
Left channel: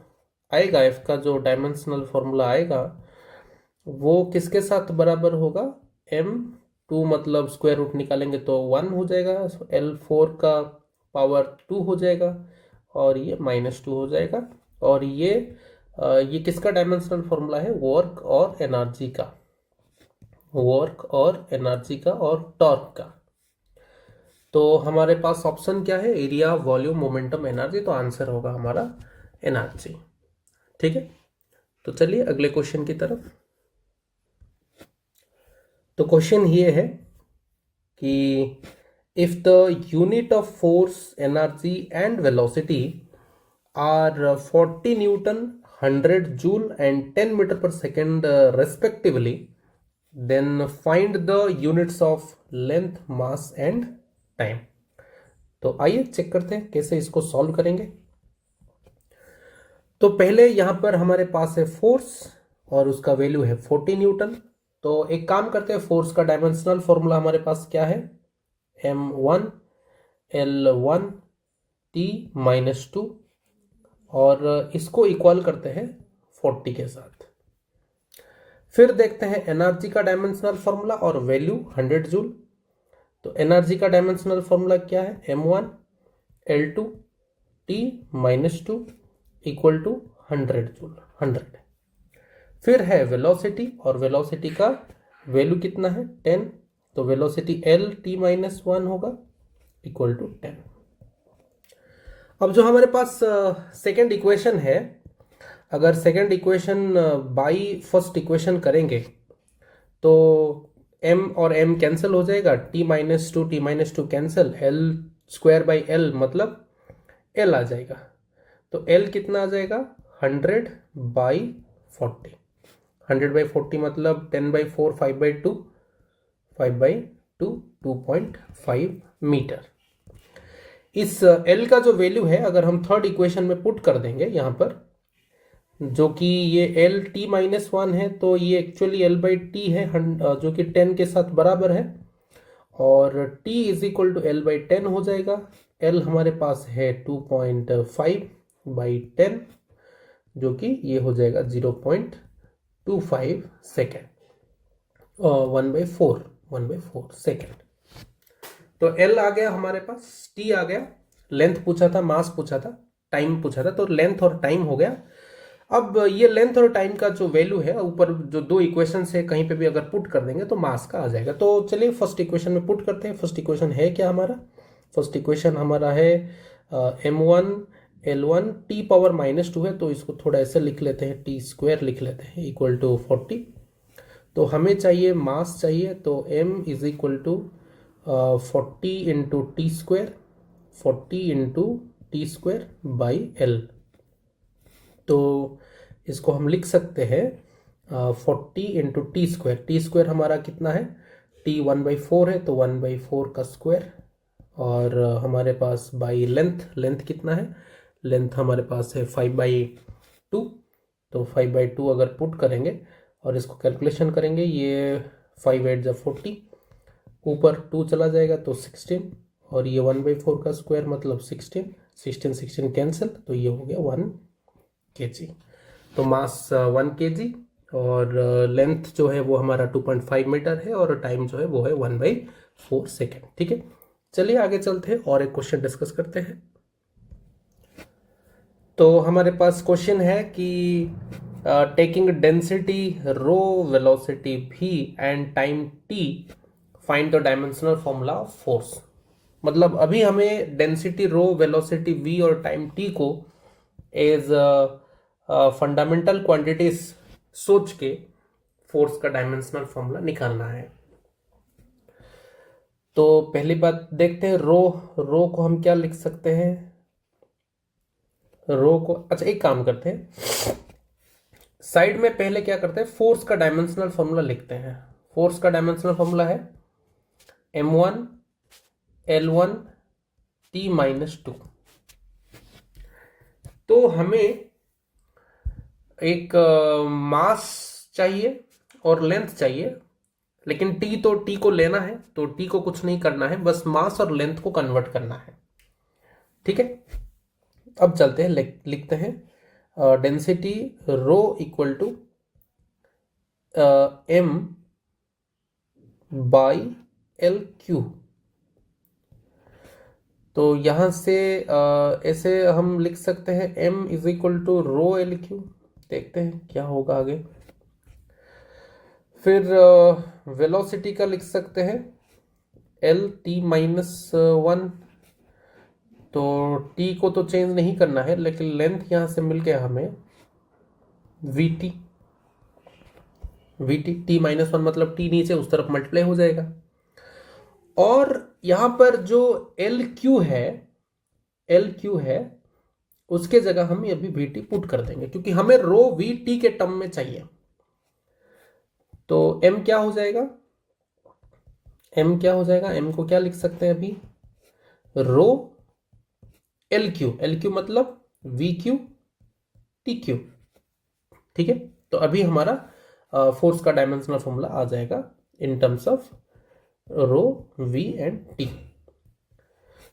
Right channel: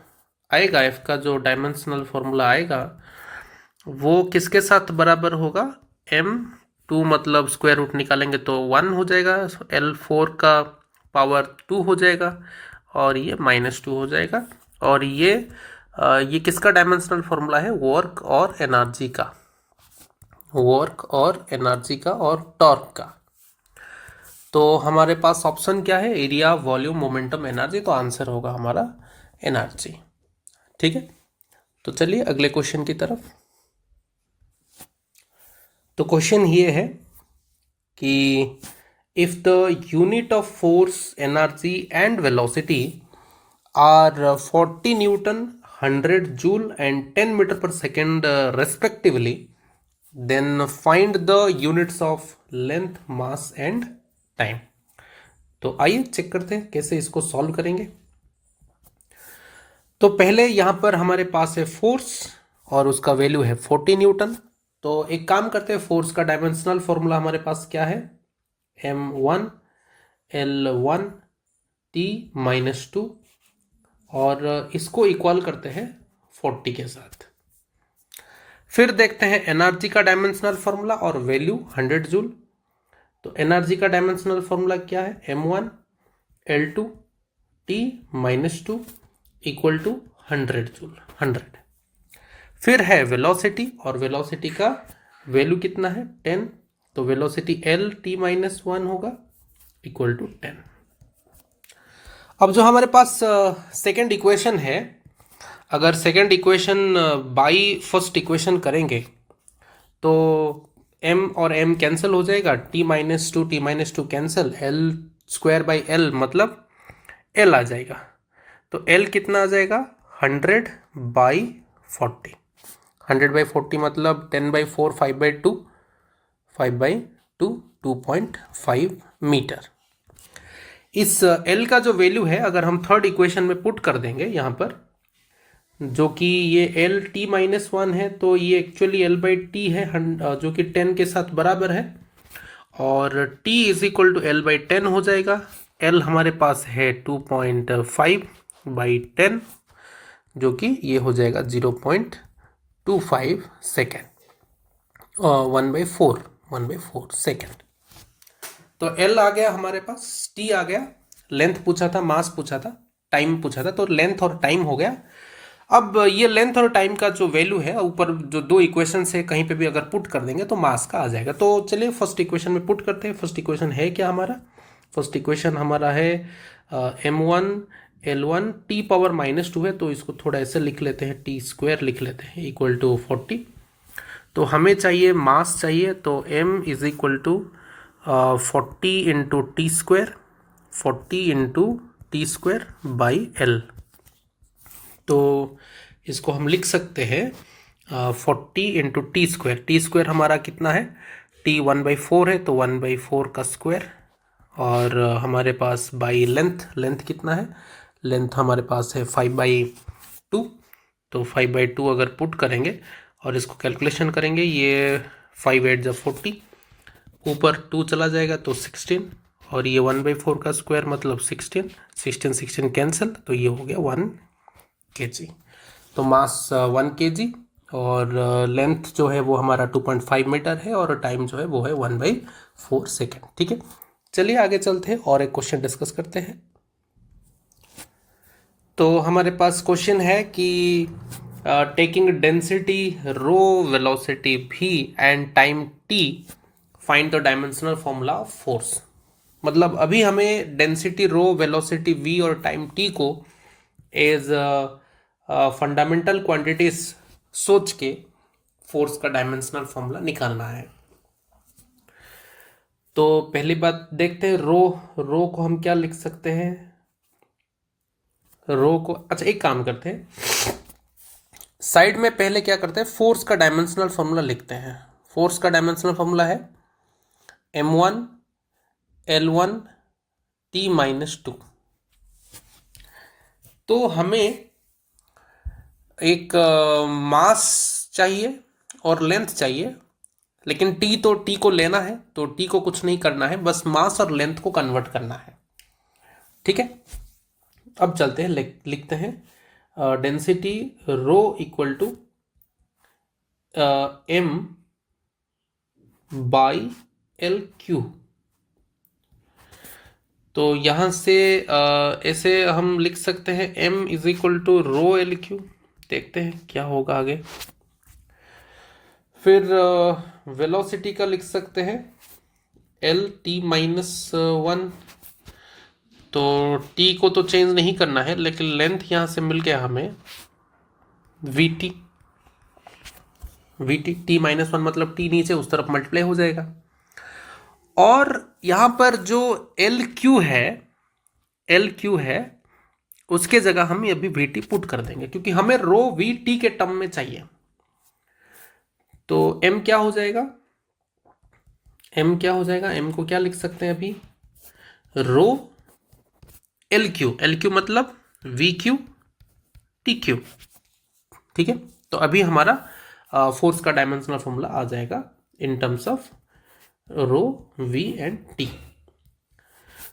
आएगा, f का जो डायमेंशनल फॉर्मूला आएगा वो किसके साथ बराबर होगा, m2 मतलब स्क्वायर रूट निकालेंगे तो 1 हो जाएगा, L4 का पावर 2 हो जाएगा और ये -2 हो जाएगा। और ये किसका डायमेंशनल फॉर्मूला है, वर्क और एनर्जी का, वर्क और एनर्जी का और टॉर्क का। तो हमारे पास ऑप्शन क्या है, एरिया, वॉल्यूम, मोमेंटम, एनर्जी। तो आंसर होगा हमारा एनर्जी। ठीक है, तो चलिए अगले क्वेश्चन की तरफ। तो क्वेश्चन ये है कि if the unit of force, energy and velocity are 40 newton, 100 joule and 10 metre per second respectively, then find the units of length, mass and time. तो आइए चेक करते हैं कैसे इसको सॉल्व करेंगे। तो पहले यहां पर हमारे पास है फोर्स और उसका वैल्यू है 40 न्यूटन। तो एक काम करते हैं, फोर्स का डायमेंशनल फॉर्मूला हमारे पास क्या है, m1 L1 T-2, और इसको इक्वल करते हैं 40 के साथ। फिर देखते हैं एनर्जी का डायमेंशनल फॉर्मूला और वैल्यू 100 जूल। तो एनर्जी का डायमेंशनल फॉर्मूला क्या है, m1 L2 T-2 equal to 100 joule, 100। फिर है वेलोसिटी, और वेलोसिटी का वैल्यू कितना है, 10। तो वेलोसिटी L T-1 होगा इक्वल टू 10। अब जो हमारे पास सेकेंड इक्वेशन है, अगर second equation by first equation करेंगे तो m और m कैंसिल हो जाएगा, T-2 कैंसिल, L² L मतलब L आ जाएगा। तो L कितना आ जाएगा, 100/40। 100/40 मतलब 10/4, 5/2, 5/2, 2.5 मीटर। इस L का जो वैल्यू है अगर हम थर्ड इक्वेशन में पुट कर देंगे यहाँ पर, जो कि ये L T-1 है, तो ये एक्चुअली L/T है जो कि 10 के साथ बराबर है, और T = L/10 हो जाएगा। L हमारे पास है 2.5/10, जो कि ये हो जाएगा 0.25 सेकेंड, 1/4 सेकेंड। तो L आ गया हमारे पास, T आ गया, लेंथ पूछा था, मास पूछा था, टाइम पूछा था, तो लेंथ और टाइम हो गया। अब ये लेंथ और टाइम का जो वैल्यू है ऊपर जो दो इक्वेशन है कहीं पे भी अगर पुट कर देंगे तो मास का आ जाएगा। तो चलिए फर्स्ट इक्वेशन में पुट करते हैं। फर्स्ट इक्वेशन है क्या हमारा, फर्स्ट इक्वेशन हमारा है m1 L1 T⁻² है, तो इसको थोड़ा ऐसे लिख लेते हैं, T² लिख लेते हैं इक्वल टू 40। तो हमें चाहिए मास चाहिए, तो m = 40 × T², 40 × T²/L। तो इसको हम लिख सकते हैं 40 × T²। हमारा कितना है, T 1/4 है, तो 1/4 का स्क्वायर, और हमारे पास बाई लेंथ कितना है, लेंथ हमारे पास है 5/2। तो 5/2 अगर पुट करेंगे और इसको कैलकुलेशन करेंगे, ये 5×8 = 40, ऊपर 2 चला जाएगा तो 16, और ये 1/4 का स्क्वायर मतलब 16 कैंसिल, तो ये हो गया 1 kg। तो मास 1 kg, और लेंथ जो है वो हमारा 2.5 मीटर है, और टाइम जो है वो है 1/4 सेकेंड। ठीक है, चलिए आगे चलते हैं और एक क्वेश्चन डिस्कस करते हैं। तो हमारे पास क्वेश्चन है कि taking density rho, velocity v and time t, find the dimensional formula of force। मतलब अभी हमें डेंसिटी रो, वेलोसिटी v और टाइम t को एज फंडामेंटल क्वांटिटीज सोच के फोर्स का डायमेंशनल फॉर्मूला निकालना है। तो पहली बात देखते हैं, रो को हम क्या लिख सकते हैं। रो को, अच्छा एक काम करते हैं, साइड में पहले क्या करते हैं, फोर्स का डायमेंशनल फॉर्मूला लिखते हैं। फोर्स का डायमेंशनल फॉर्मूला है m1 L1 T-2। तो हमें एक मास चाहिए और लेंथ चाहिए, लेकिन टी तो टी को लेना है, तो टी को कुछ नहीं करना है, बस मास और लेंथ को कन्वर्ट करना है। ठीक है, अब चलते हैं, लिखते हैं density rho equal to m by L Q. तो यहां से ऐसे हम लिख सकते हैं m is equal to rho L Q. देखते हैं क्या होगा आगे। फिर वेलोसिटी का लिख सकते हैं L T-1। तो t को तो चेंज नहीं करना है, लेकिन लेंथ यहां से मिल गया हमें VT। T-1 मतलब t नीचे उस तरफ मल्टीप्लाई हो जाएगा। और यहां पर जो एल क्यू है उसके जगह हम अभी VT पुट कर देंगे, क्योंकि हमें रो VT के टर्म में चाहिए। तो m क्या हो जाएगा, m को क्या लिख सकते हैं अभी, रो एल क्यू मतलब VQ TQ। ठीक है, तो अभी हमारा फोर्स का डायमेंशनल फॉर्मूला आ जाएगा in terms of rho V and T।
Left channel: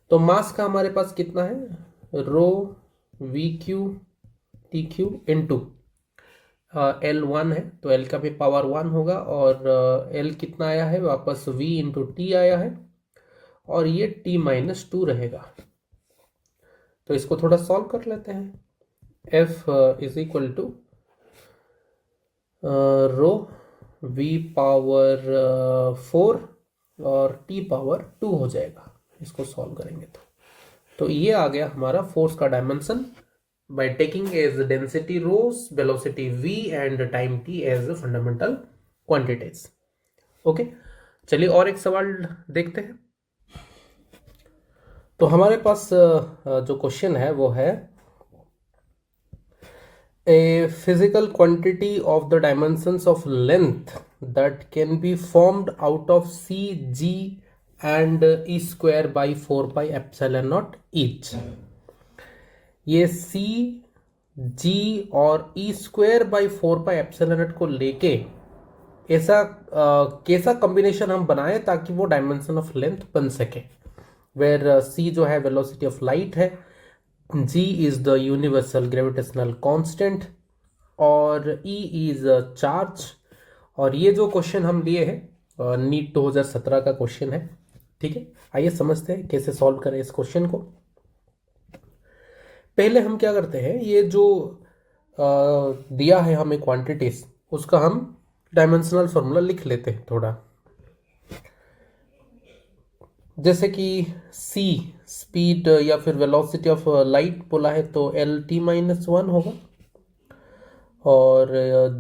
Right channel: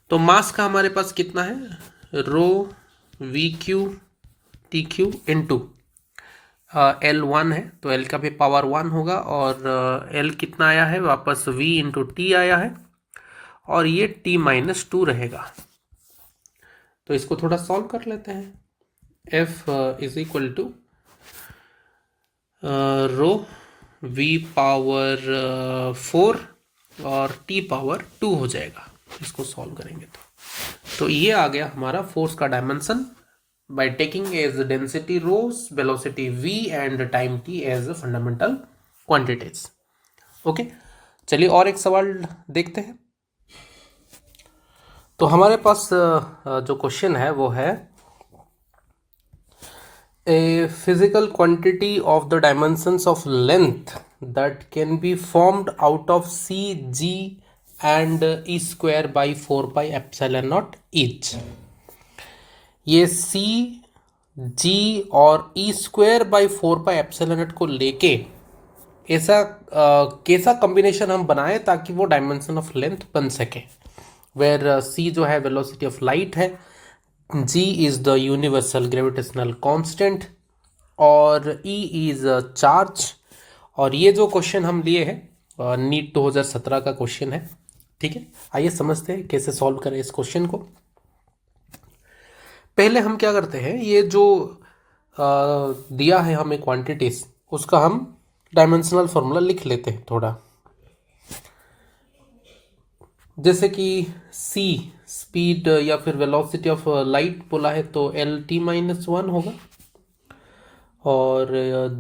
तो मास का हमारे पास कितना है, रो VQ TQ इनटू L1 है, तो L का भी पावर 1 होगा, और L कितना आया है वापस, V इंटू T आया है, और ये T-2 रहेगा। तो इसको थोड़ा सॉल्व कर लेते हैं। F is equal to rho V power 4 और T पावर 2 हो जाएगा। इसको सॉल्व करेंगे तो ये आ गया हमारा फोर्स का dimension by taking as density rho, velocity v and time t as fundamental quantities। Okay, चलिए और एक सवाल देखते हैं। तो हमारे पास जो क्वेश्चन है वो है, a physical quantity of the dimensions of length that can be formed out of c, g and e square by 4 pi epsilon naught each। ये c, g और e square by 4 pi epsilon not को लेके ऐसा कैसा combination हम बनाए ताकि वो डायमेंशन ऑफ लेंथ बन सके। वेयर c जो है वेलोसिटी ऑफ लाइट है, g is the universal gravitational constant, और e इज चार्ज। और ये जो क्वेश्चन हम लिए हैं नीट 2017 का क्वेश्चन है। ठीक है, आइए समझते हैं कैसे सॉल्व करें इस क्वेश्चन को। पहले हम क्या करते हैं, ये जो दिया है हमें क्वांटिटीज, उसका हम डायमेंशनल फॉर्मूला लिख लेते हैं थोड़ा। जैसे कि c स्पीड या फिर वेलोसिटी ऑफ लाइट बोला है, तो L T-1 होगा, और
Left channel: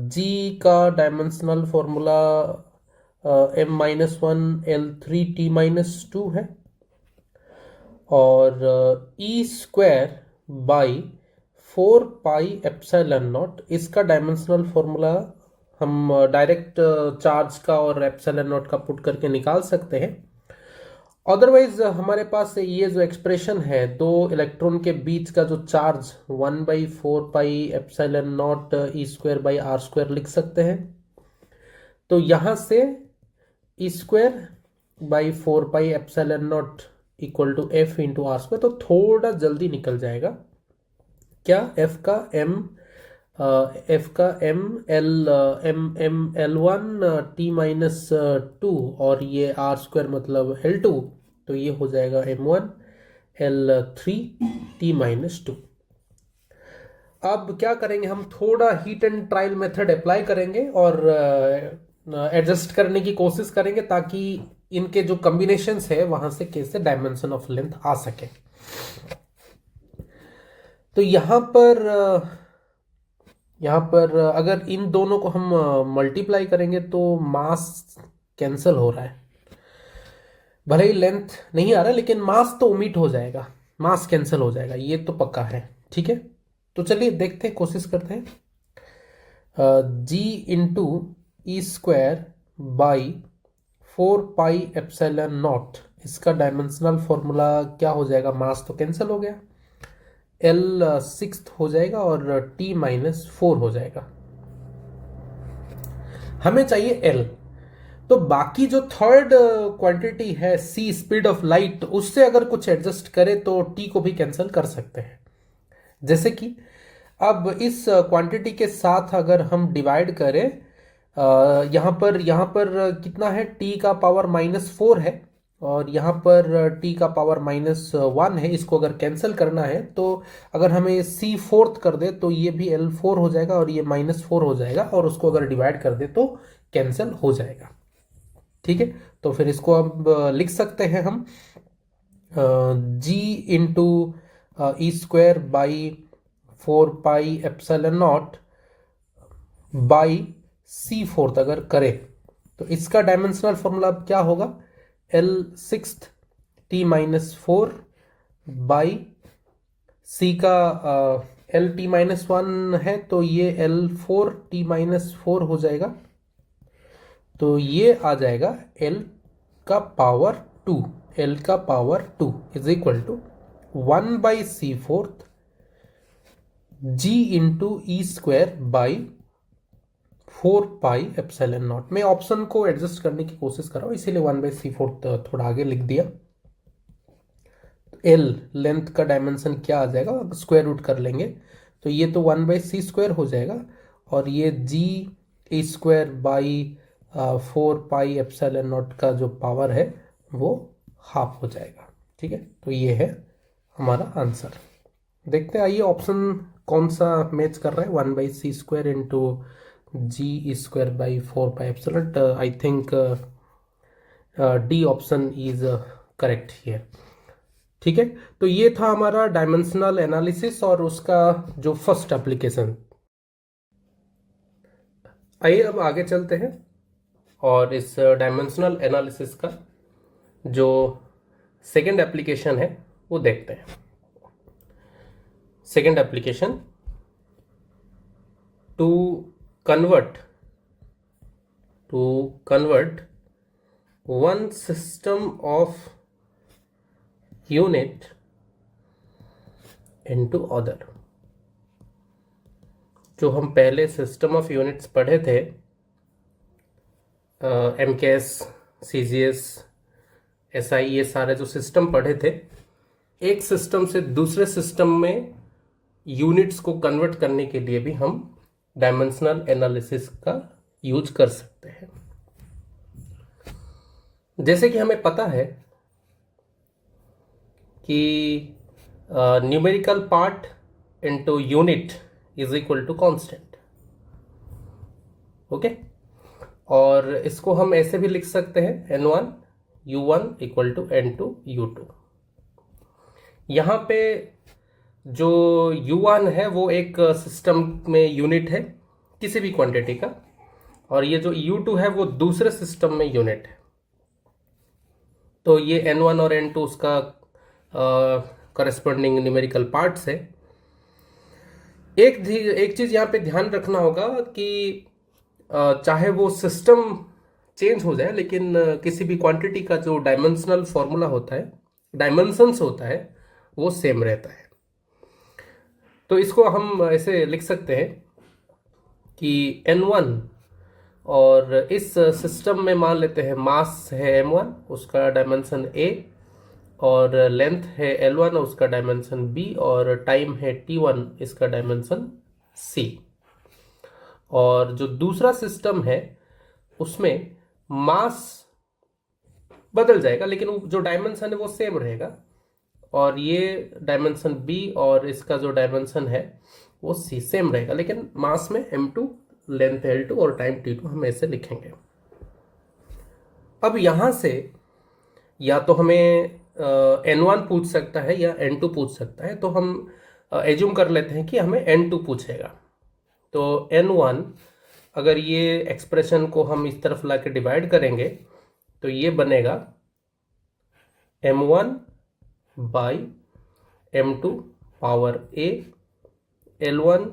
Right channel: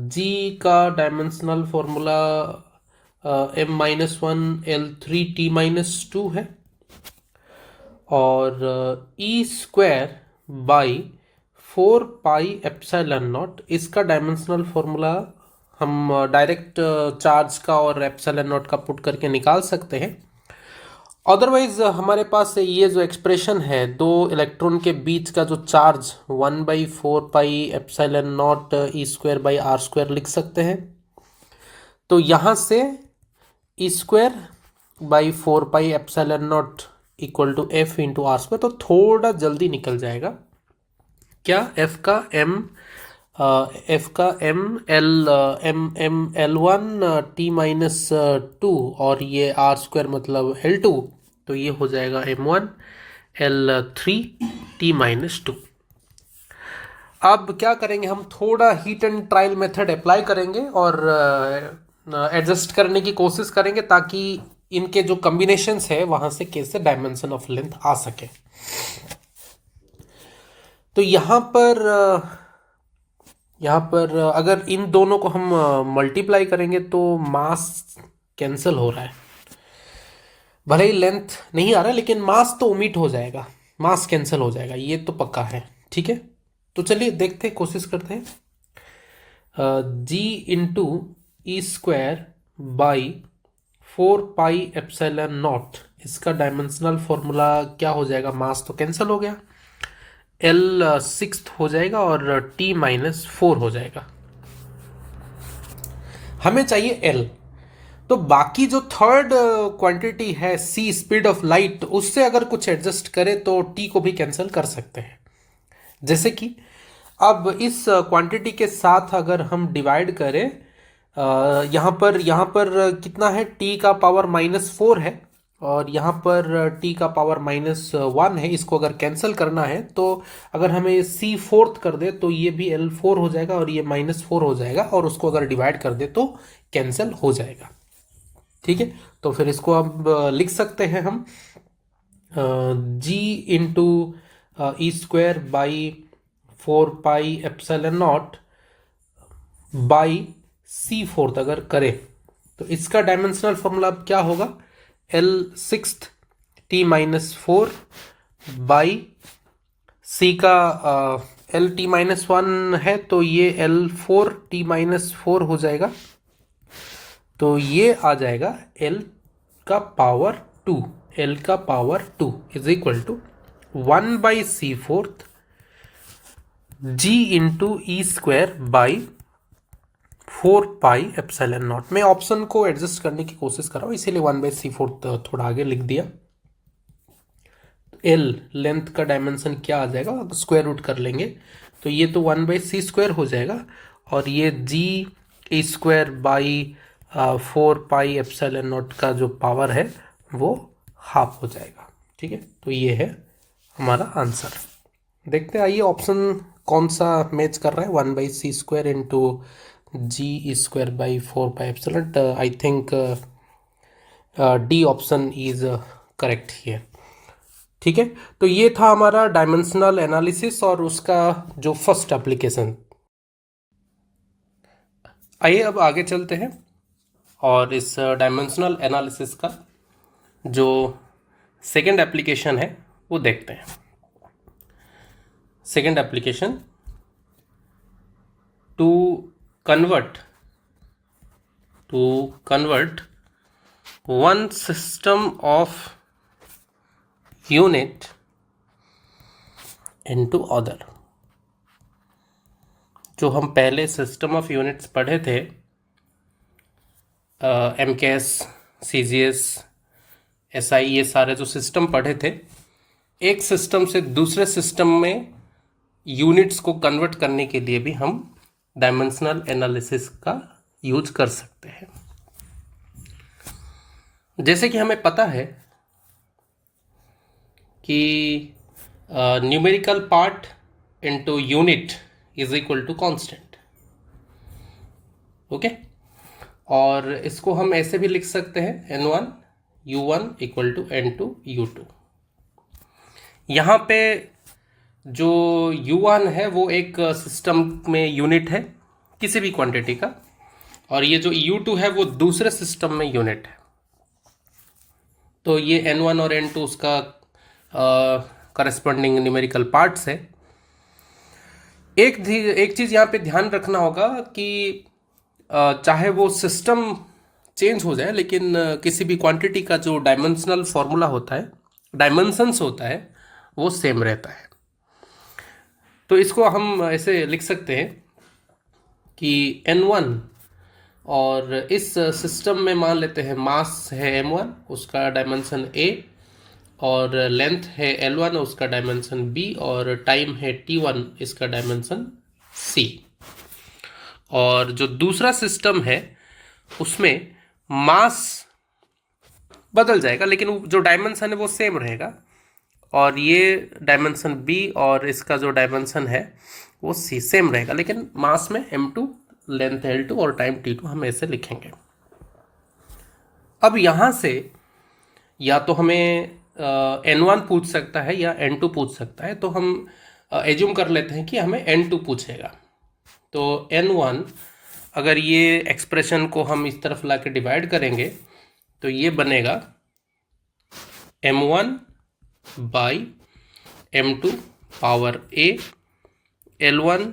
g का डायमेंशनल फॉर्मूला M-1 L3T-2 है, और e square by 4 pi epsilon naught, इसका डायमेंशनल फॉर्मूला हम डायरेक्ट चार्ज का और एप्सिलॉन नॉट का पुट करके निकाल सकते हैं। अदरवाइज हमारे पास ये जो एक्सप्रेशन है, दो इलेक्ट्रॉन के बीच का जो charge 1/4 pi epsilon naught e square by r square लिख सकते हैं। तो यहाँ से e square by 4 pi epsilon naught equal to F into are square, तो थोड़ा जल्दी निकल जाएगा। क्या एफ का L1 T-2 और ये आर स्क्वायर मतलब L2, तो ये हो जाएगा M1 L3 T-2। अब क्या करेंगे, हम थोड़ा heat and trial method apply करेंगे और एडजस्ट करने की कोशिश करेंगे ताकि इनके जो कॉम्बिनेशंस है वहां से कैसे डायमेंशन ऑफ लेंथ आ सके। तो यहाँ पर अगर इन दोनों को हम मल्टीप्लाई करेंगे तो मास कैंसिल हो रहा है, भले ही लेंथ नहीं आ रहा है लेकिन मास तो ओमिट हो जाएगा, मास कैंसिल हो जाएगा, ये तो पक्का है। ठीक है, तो चलिए देखते हैं, कोशिश करते हैं। G into E square by 4 pi epsilon naught, इसका डायमेंशनल फॉर्मूला क्या हो जाएगा, मास तो कैंसिल हो गया, एल सिक्स्थ हो जाएगा और T-4 हो जाएगा। हमें चाहिए एल, तो बाकी जो थर्ड क्वांटिटी है सी स्पीड ऑफ लाइट, उससे अगर कुछ एडजस्ट करें तो टी को भी कैंसिल कर सकते हैं। जैसे कि अब इस क्वांटिटी के साथ अगर हम डिवाइड करें, यहाँ पर कितना है, टी का पावर -4 है और यहाँ पर टी का पावर -1 है। इसको अगर कैंसिल करना है तो अगर हमें सी फोर्थ कर दे तो ये भी L4 हो जाएगा और ये -4 हो जाएगा, और उसको अगर डिवाइड कर दे तो कैंसिल हो जाएगा। ठीक है, तो फिर इसको अब लिख सकते हैं हम G into E square by 4 pi epsilon naught by c fourth अगर करें तो इसका डायमेंशनल फॉर्मूला अब क्या होगा, एल सिक्स्थ T-4 बाई सी का एल T-1 है तो ये L4 T-4 हो जाएगा, तो ये आ जाएगा L का पावर 2, L का power 2 is equal to 1/c4 G into E square by 4 pi epsilon nought. मैं ऑप्शन को एडजस्ट करने की कोशिश कर रहा हूँ इसीलिए 1/c4 थोड़ा आगे लिख दिया। एल लेंथ का डायमेंशन क्या आ जाएगा, अब स्क्वायर रूट कर लेंगे तो ये तो 1/c² हो जाएगा और ये G E square by 4 pi epsilon naught का जो पावर है वो हाफ हो जाएगा। ठीक है, तो ये है हमारा आंसर। देखते हैं, आइए ऑप्शन कौन सा मैच कर रहा है, 1/c² into G E square by 4 pi epsilon. I think D option is correct here. ठीक है, तो ये था हमारा डायमेंशनल एनालिसिस और उसका जो फर्स्ट एप्लीकेशन। आइए अब आगे चलते हैं और इस डायमेंशनल एनालिसिस का जो सेकेंड एप्लीकेशन है वो देखते हैं। Second application, to convert one system of unit into other. जो हम पहले सिस्टम ऑफ यूनिट्स पढ़े थे, MKS, CGS, SI, ये सारे जो सिस्टम पढ़े थे, एक सिस्टम से दूसरे सिस्टम में यूनिट्स को कन्वर्ट करने के लिए भी हम डायमेंशनल एनालिसिस का यूज कर सकते हैं। जैसे कि हमें पता है कि numerical part into unit is equal to constant. Okay, और इसको हम ऐसे भी लिख सकते हैं N1 U1 equal to N2 U2। यहाँ पे जो U1 है वो एक सिस्टम में यूनिट है किसी भी क्वांटिटी का, और ये जो U2 है वो दूसरे सिस्टम में यूनिट है। तो ये N1 और N2 उसका करस्पॉन्डिंग न्यूमेरिकल पार्ट्स है। एक चीज़ यहाँ पे ध्यान रखना होगा कि चाहे वो सिस्टम चेंज हो जाए लेकिन किसी भी क्वांटिटी का जो डायमेंशनल फॉर्मूला होता है, डायमेंशंस होता है, वो सेम रहता है। तो इसको हम ऐसे लिख सकते हैं कि N1, और इस सिस्टम में मान लेते हैं मास है M1, उसका डायमेंशन A, और लेंथ है L1, उसका डायमेंशन B, और टाइम है T1, इसका डायमेंशन C। और जो दूसरा सिस्टम है उसमें मास बदल जाएगा लेकिन जो डायमेंशन है वो सेम रहेगा, और ये डायमेंशन बी और इसका जो डायमेंशन है वो सी सेम रहेगा, लेकिन मास में m2, लेंथ l2 और टाइम t2 हम ऐसे लिखेंगे। अब यहाँ से या तो हमें n1 पूछ सकता है या n2 पूछ सकता है, तो हम एज्यूम कर लेते हैं कि हमें n2 पूछेगा। तो n1, अगर ये एक्सप्रेशन को हम इस तरफ ला के डिवाइड करेंगे तो ये बनेगा m1 by m2 power a, l1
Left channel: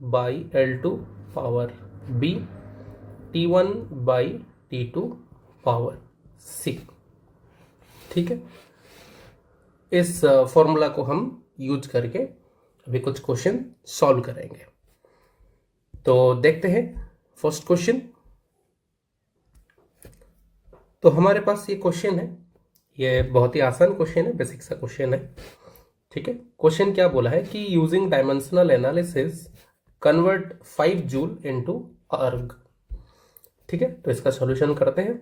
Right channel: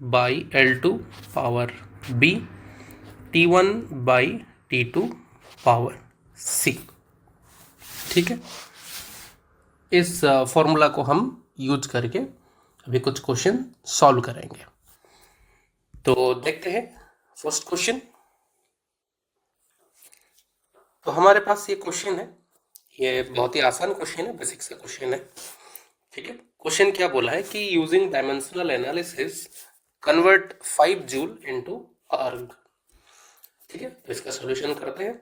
by l2 power b, t1 by t2 power c। ठीक है, इस फॉर्मूला को हम यूज करके अभी कुछ क्वेश्चन सॉल्व करेंगे। तो देखते हैं फर्स्ट क्वेश्चन। तो हमारे पास ये क्वेश्चन है, ये बहुत ही आसान क्वेश्चन है, बेसिक सा क्वेश्चन है। ठीक है, क्वेश्चन क्या बोला है कि using dimensional analysis convert 5 joule into अर्ग। ठीक है, तो इसका सॉल्यूशन करते हैं।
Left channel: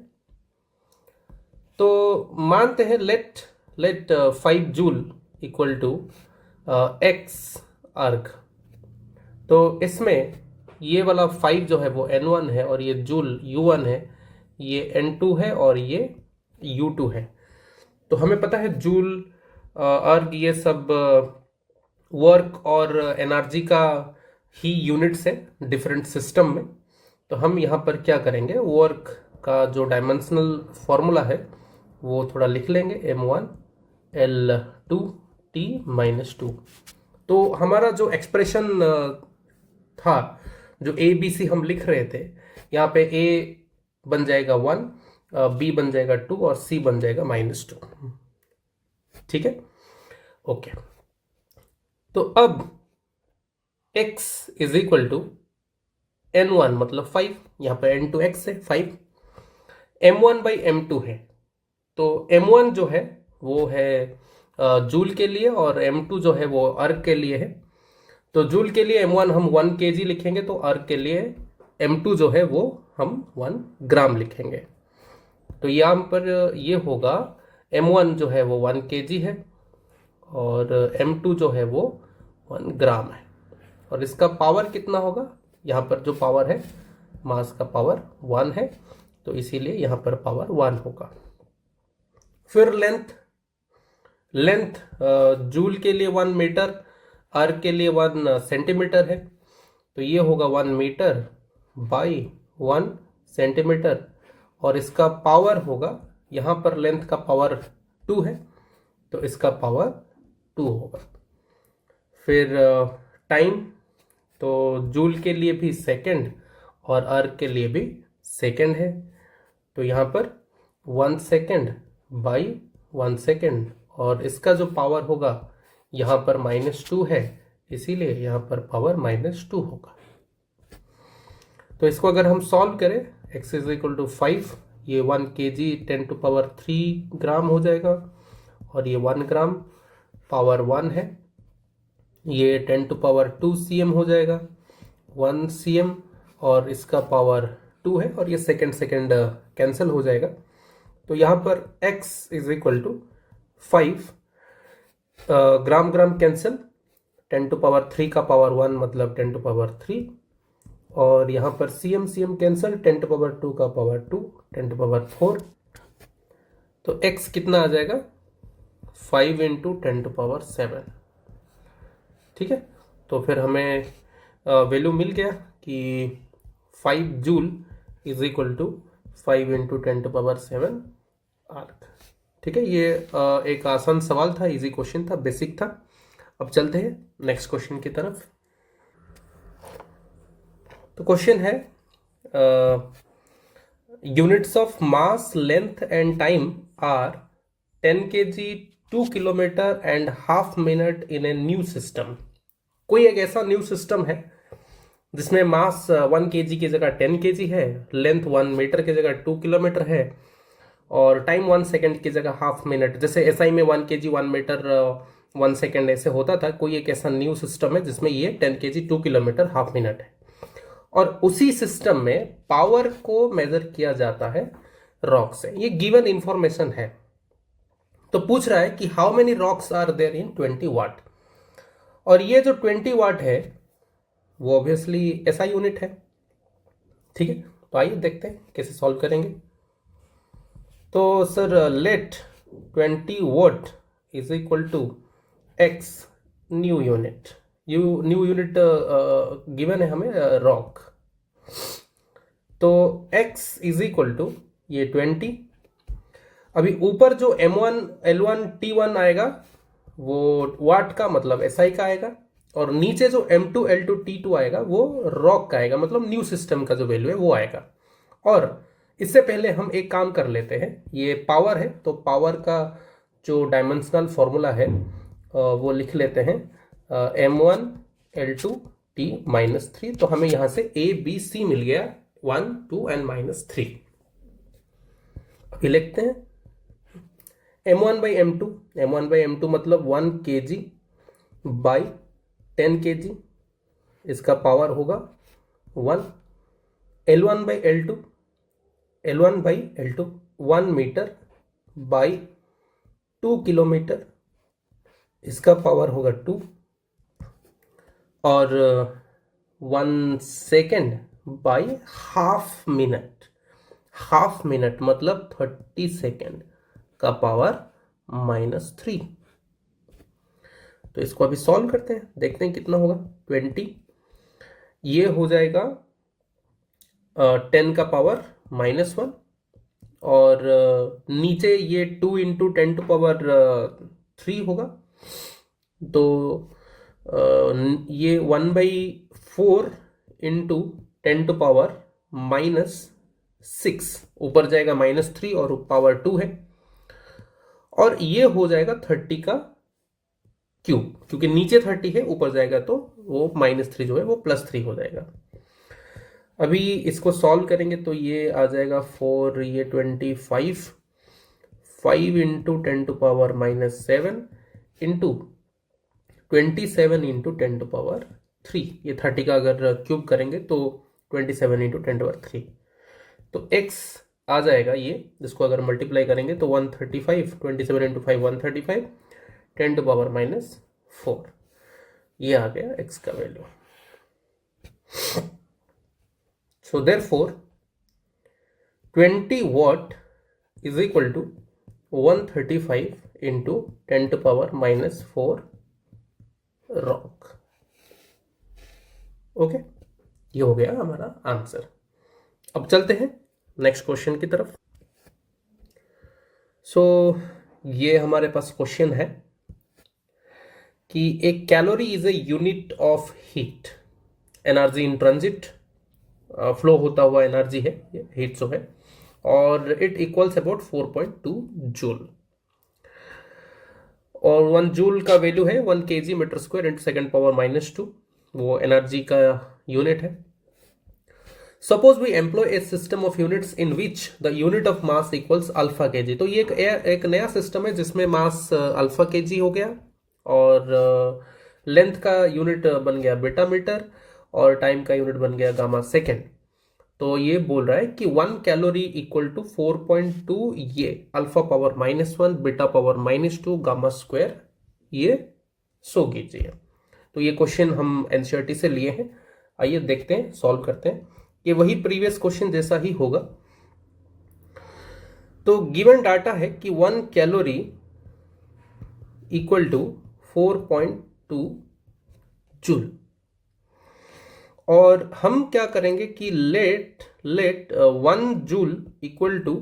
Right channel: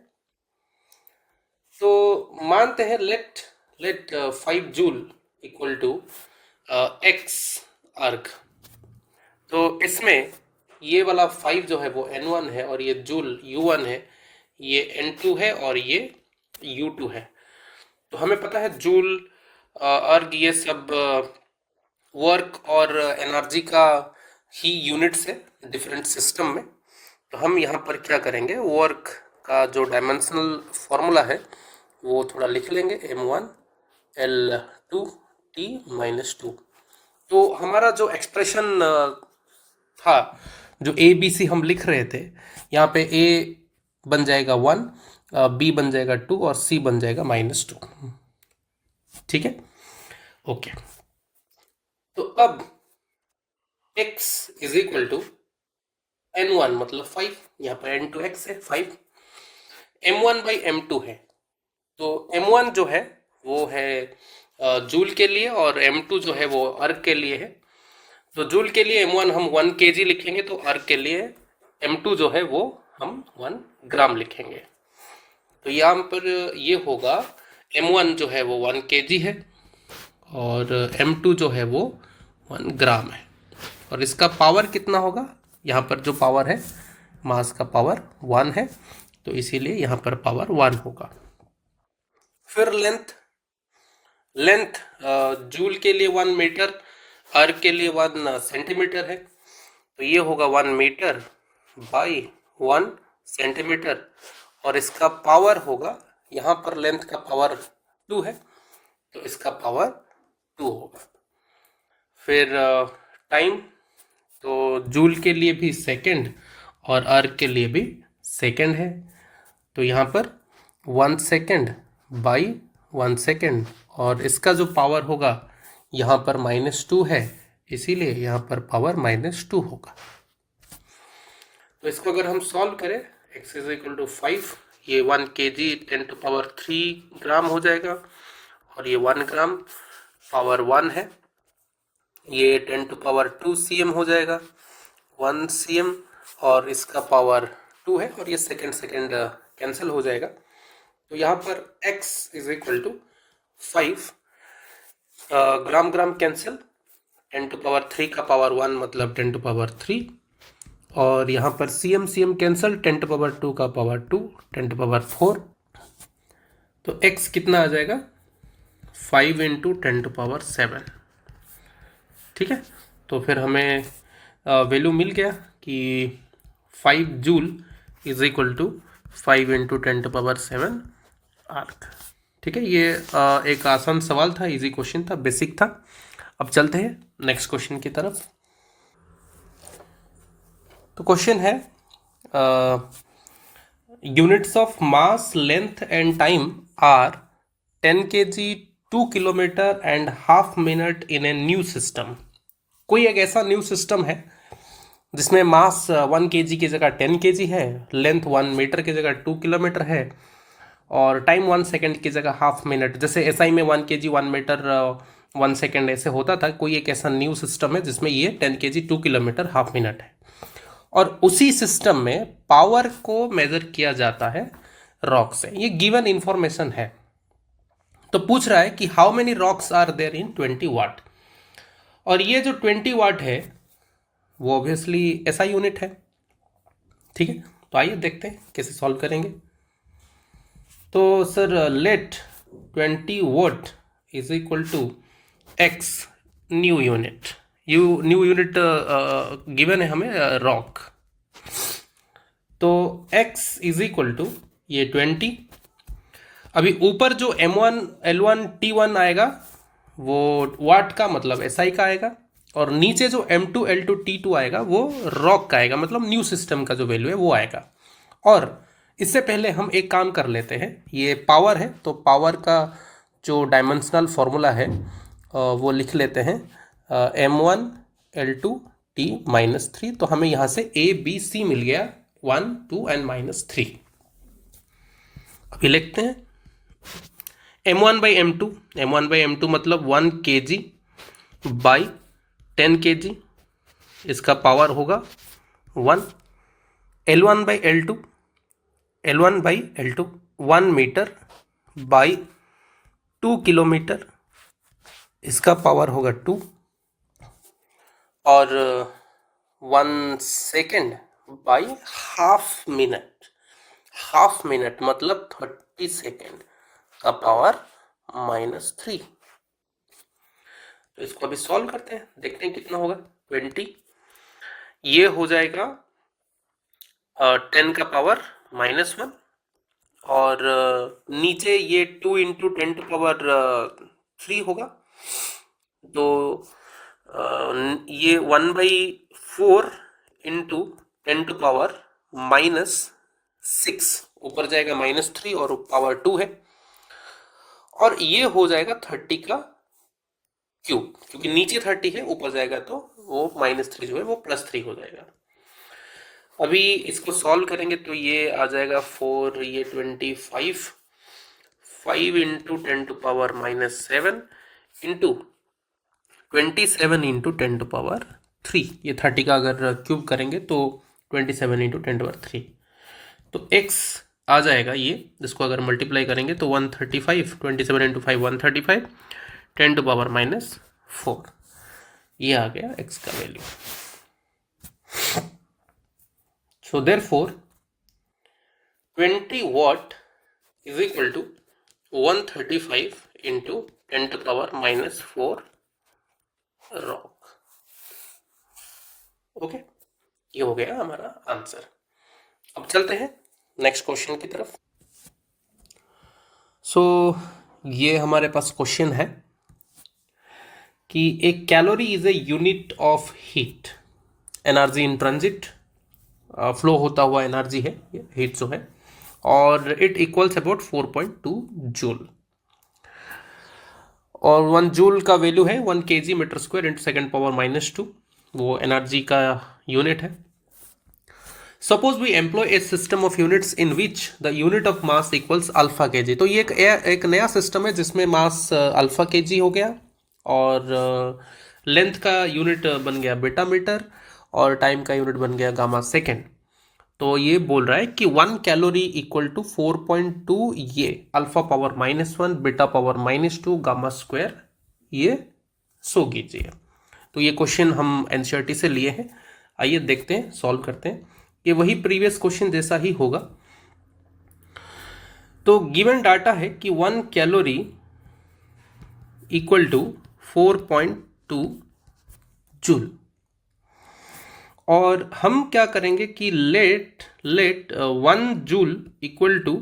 तो मानते हैं let 5 joule equal to x erg. तो इसमें ये वाला 5 जो है वो n1 है और ये जूल u1 है, ये n2 है और ये u2 है। तो हमें पता है जूल, अर्ग, ये सब वर्क और एनर्जी का ही यूनिट्स है डिफरेंट सिस्टम में। तो हम यहाँ पर क्या करेंगे, वर्क का जो डायमेंशनल फॉर्मूला है वो थोड़ा लिख लेंगे, m1 l2 t माइनस 2। तो हमारा जो एक्सप्रेशन था, जो ए बी सी हम लिख रहे थे, यहाँ पे ए बन जाएगा 1, बी बन जाएगा 2 और सी बन जाएगा -2। ठीक है, ओके। तो अब x is equal to n1 मतलब 5, यहाँ पे n2 x है 5, m1 बाई m2 है। तो m1 जो है वो है जूल के लिए और m2 जो है वो अर्ग के लिए है। तो जूल के लिए m1 हम 1 kg लिखेंगे, तो अर्ग के लिए m2 जो है वो हम 1 ग्राम लिखेंगे। तो यहाँ पर ये होगा m1 जो है वो 1 kg है और m2 जो है वो 1 ग्राम है। और इसका पावर कितना होगा, यहाँ पर जो पावर है मास का पावर 1 है, तो इसीलिए यहाँ पर पावर 1 होगा। फिर लेंथ जूल के लिए 1 मीटर, अर्ग के लिए 1 सेंटीमीटर है। तो ये होगा 1 मीटर बाई 1 सेंटीमीटर और इसका पावर होगा, यहाँ पर लेंथ का पावर 2 है तो इसका पावर 2 होगा। फिर टाइम, तो जूल के लिए भी सेकंड और अर्ग के लिए भी सेकंड है। तो यहाँ पर 1 सेकंड बाई 1 सेकंड और इसका जो पावर होगा यहाँ पर -2 है, इसीलिए यहाँ पर पावर -2 होगा। तो इसको अगर हम सॉल्व करें, x इज इक्वल टू 5, ये 1 kg 10⁻³ ग्राम हो जाएगा और ये 1 ग्राम पावर 1 है, ये 10⁻² cm हो जाएगा, 1 cm और इसका पावर 2 है और ये सेकंड कैंसिल हो जाएगा। तो यहाँ पर x is equal to 5, gram gram cancel, 10⁻³ का पावर 1 मतलब 10⁻³ और यहाँ पर cm कैंसिल, 10⁻² का पावर 2, 10⁻4। तो x कितना आ जाएगा, 5 इंटू 10⁻7। ठीक है, तो फिर हमें वैल्यू मिल गया कि 5 joule is equal to 5 into 10⁻7 erg. ठीक है, ये एक आसान सवाल था, इजी क्वेश्चन था, बेसिक था। अब चलते हैं नेक्स्ट क्वेश्चन की तरफ। तो क्वेश्चन है units of mass, length and time are 10 kg, 2 kilometre and half minute in a new system. कोई एक ऐसा न्यू सिस्टम है जिसमें मास 1 kg की जगह 10 kg है, लेंथ 1 मीटर की जगह 2 किलोमीटर है और टाइम 1 सेकेंड की जगह हाफ मिनट। जैसे एसआई में 1 kg 1 मीटर 1 सेकेंड ऐसे होता था। कोई एक ऐसा न्यू सिस्टम है जिसमें ये 10 kg 2 किलोमीटर हाफ मिनट है और उसी सिस्टम में पावर को मेजर किया जाता है रॉक से। ये गिवन इंफॉर्मेशन है। तो पूछ रहा है कि how many rocks are there in 20 watt, और ये जो 20 वाट है वो ऑब्वियसली ऐसा यूनिट है। ठीक है, तो आइए देखते हैं कैसे सॉल्व करेंगे। तो sir let 20 watt is equal to x new unit, new unit given है हमें रॉक। तो x इज इक्वल टू ये 20, अभी ऊपर जो m1 l1 t1 आएगा वो वाट का मतलब SI का आएगा, और नीचे जो m2 l2 t2 आएगा वो रॉक का आएगा, मतलब न्यू सिस्टम का जो वैल्यू है वो आएगा। और इससे पहले हम एक काम कर लेते हैं, ये पावर है तो पावर का जो डायमेंशनल फॉर्मूला है वो लिख लेते हैं, m1 l2 t-3। तो हमें यहाँ से a b c मिल गया 1 2 एंड -3। अभी लिखते हैं m1 बाई m2 मतलब 1 kg बाई 10 kg, इसका पावर होगा 1। L1 by L2 1 metre by 2 kilometre, इसका पावर होगा 2। और 1 सेकेंड बाई हाफ मिनट मतलब 30 सेकेंड का पावर -3। तो इसको अभी सॉल्व करते हैं, देखते हैं कितना होगा। 20 ये हो जाएगा 10 का पावर -1, और नीचे ये 2 इंटू 10 टू पावर 3 होगा। तो ये 1/4 इंटू 10 टू पावर -6, ऊपर जाएगा -3 और पावर 2 है, और ये हो जाएगा 30 का क्यूब, क्योंकि नीचे 30 है ऊपर जाएगा तो वो -3 जो है वो +3 हो जाएगा। अभी इसको सॉल्व करेंगे तो ये आ जाएगा 4 ये 25 5 into 10 to power -7 into 27 into 10 to power 3। ये 30 का अगर क्यूब करेंगे तो 27 इंटू 10 टू पावर 3, तो x आ जाएगा ये, जिसको अगर मल्टीप्लाई करेंगे तो 135, 27 इंटू 5 135, 10 टू पावर -4, ये आ गया x का value. So therefore 20 watt is equal to 135 into 10 to power -4 rock. Okay, ये हो गया हमारा आंसर। अब चलते हैं नेक्स्ट क्वेश्चन की तरफ। सो ये हमारे पास क्वेश्चन है कि एक calorie is a unit of heat, energy in transit, flow होता हुआ एनर्जी है हीट जो है, और इट इक्वल्स अबाउट 4.2 जूल, और 1 जूल का वैल्यू है 1 kg metre square into second power -2, वो एनर्जी का यूनिट है। Suppose we employ a system of units in which the unit of mass equals alpha kg। तो ये एक नया सिस्टम है जिसमें मास अल्फा kg हो गया, और लेंथ का यूनिट बन गया बीटा मीटर, और टाइम का यूनिट बन गया गामा सेकेंड। तो ये बोल रहा है कि 1 कैलोरी इक्वल टू 4.2 ये alpha power -1 beta power -2 gamma square, ये सो कीजिए। तो ये क्वेश्चन हम एनसीईआरटी से लिए हैं, आइए देखते हैं, सॉल्व करते हैं। ये वही प्रीवियस क्वेश्चन जैसा ही होगा। तो गिवन डाटा है कि 1 कैलोरी इक्वल टू 4.2 जूल, और हम क्या करेंगे कि let 1 joule equal to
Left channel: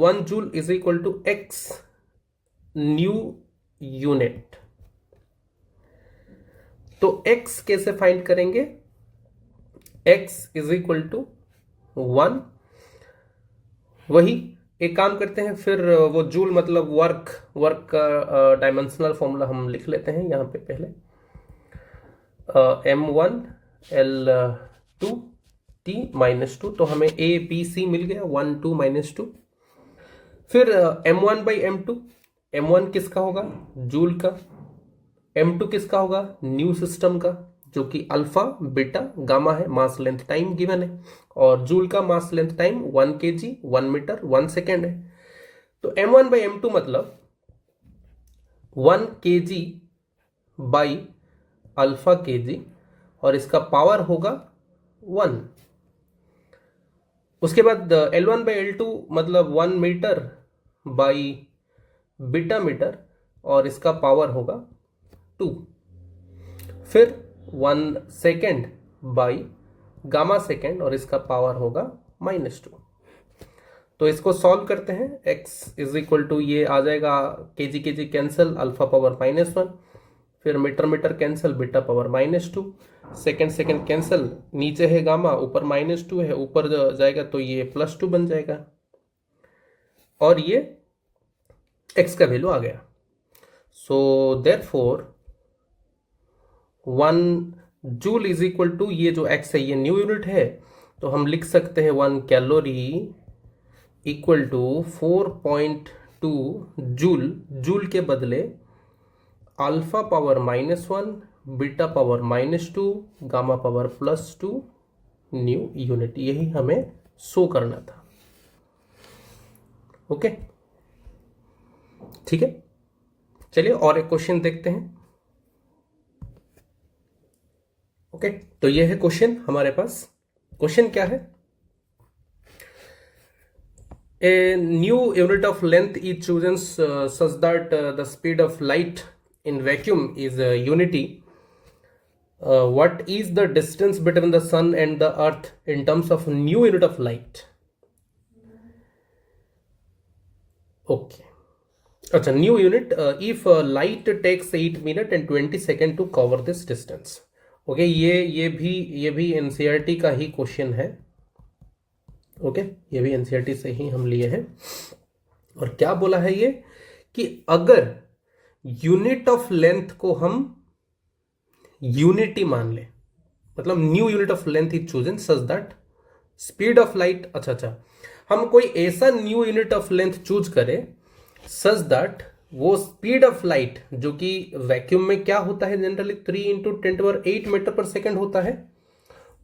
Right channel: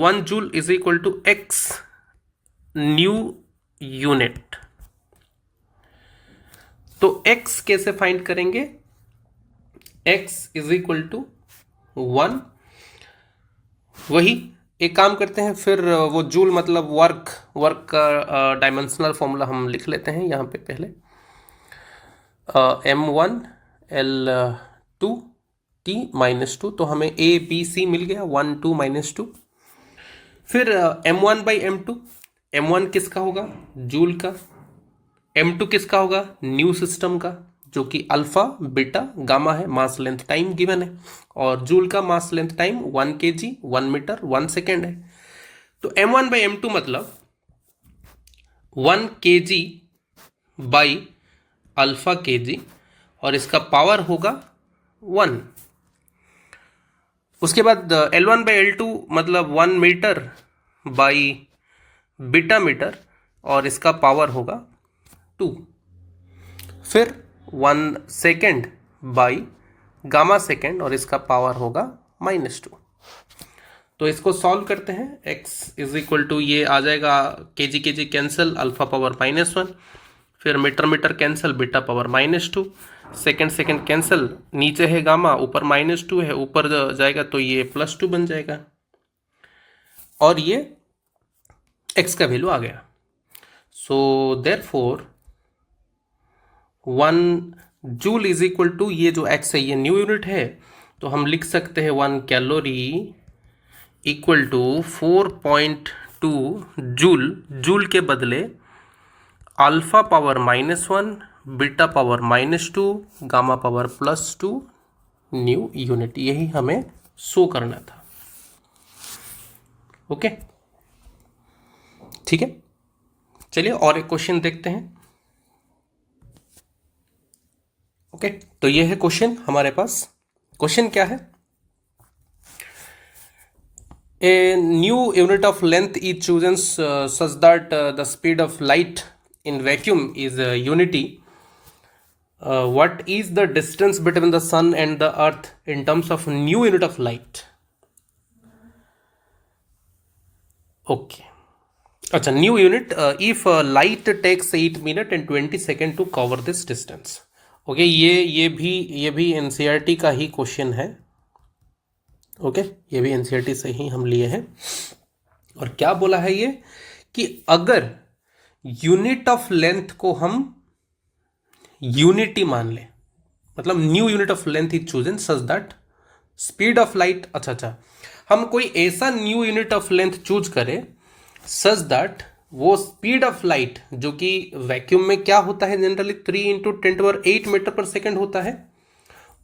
1 joule is equal to x new unit. तो x कैसे फाइंड करेंगे, x इज इक्वल टू 1, वही एक काम करते हैं फिर, वो जूल मतलब वर्क का डायमेंशनल फॉर्मूला हम लिख लेते हैं यहाँ पे पहले, m1 l2 t-2, तो हमें a b c मिल गया 1 2 -2। फिर m1 बाई m1 किसका होगा, जूल का, m2 किसका होगा, न्यू सिस्टम का, जो कि अल्फा बीटा गामा है, मास लेंथ टाइम गिवन है, और जूल का mass length time 1 kg 1 metre 1 second है। तो m1/m2 मतलब 1 kg बाई अल्फा kg, और इसका पावर होगा 1। उसके बाद L1/L2 मतलब 1 मीटर बाई बीटा मीटर, और इसका पावर होगा 2। फिर 1 सेकेंड बाई गामा सेकेंड, और इसका पावर होगा -2। तो इसको सॉल्व करते हैं। x इज इक्वल टू, ये आ जाएगा kg kg cancel, alpha power -1, फिर metre metre cancel, beta power -2, second second cancel, नीचे है गामा, ऊपर -2 है, ऊपर जाएगा तो ये +2 बन जाएगा, और ये x का वैल्यू आ गया। So therefore 1 joule is equal to, ये जो x है ये न्यू यूनिट है, तो हम लिख सकते हैं 1 calorie equal to 4.2 joule. Joule के बदले alpha power -1, beta power -2, gamma power +2 new unit, यही हमें शो करना था। ओके, ठीक है, चलिए और एक क्वेश्चन देखते हैं। ओके, तो ये है क्वेश्चन हमारे पास। क्वेश्चन क्या है? A new unit of length is chosen such that the speed of light in vacuum is unity. What is the distance between the sun and the earth in terms of new unit of light? Okay. अच्छा, new unit if light takes 8 minutes and 20 seconds to cover this distance. Okay, ये भी NCERT का ही question है। Okay, ये भी NCERT से ही हम लिए हैं। और क्या बोला है ये कि अगर यूनिट ऑफ लेंथ को हम यूनिटी मान ले, मतलब new unit of length is chosen such that speed of light, अच्छा, हम कोई ऐसा new unit of length choose करें सच दैट वो स्पीड ऑफ लाइट, जो कि वैक्यूम में क्या होता है जनरली 3 × 10⁸ मीटर पर सेकेंड होता है,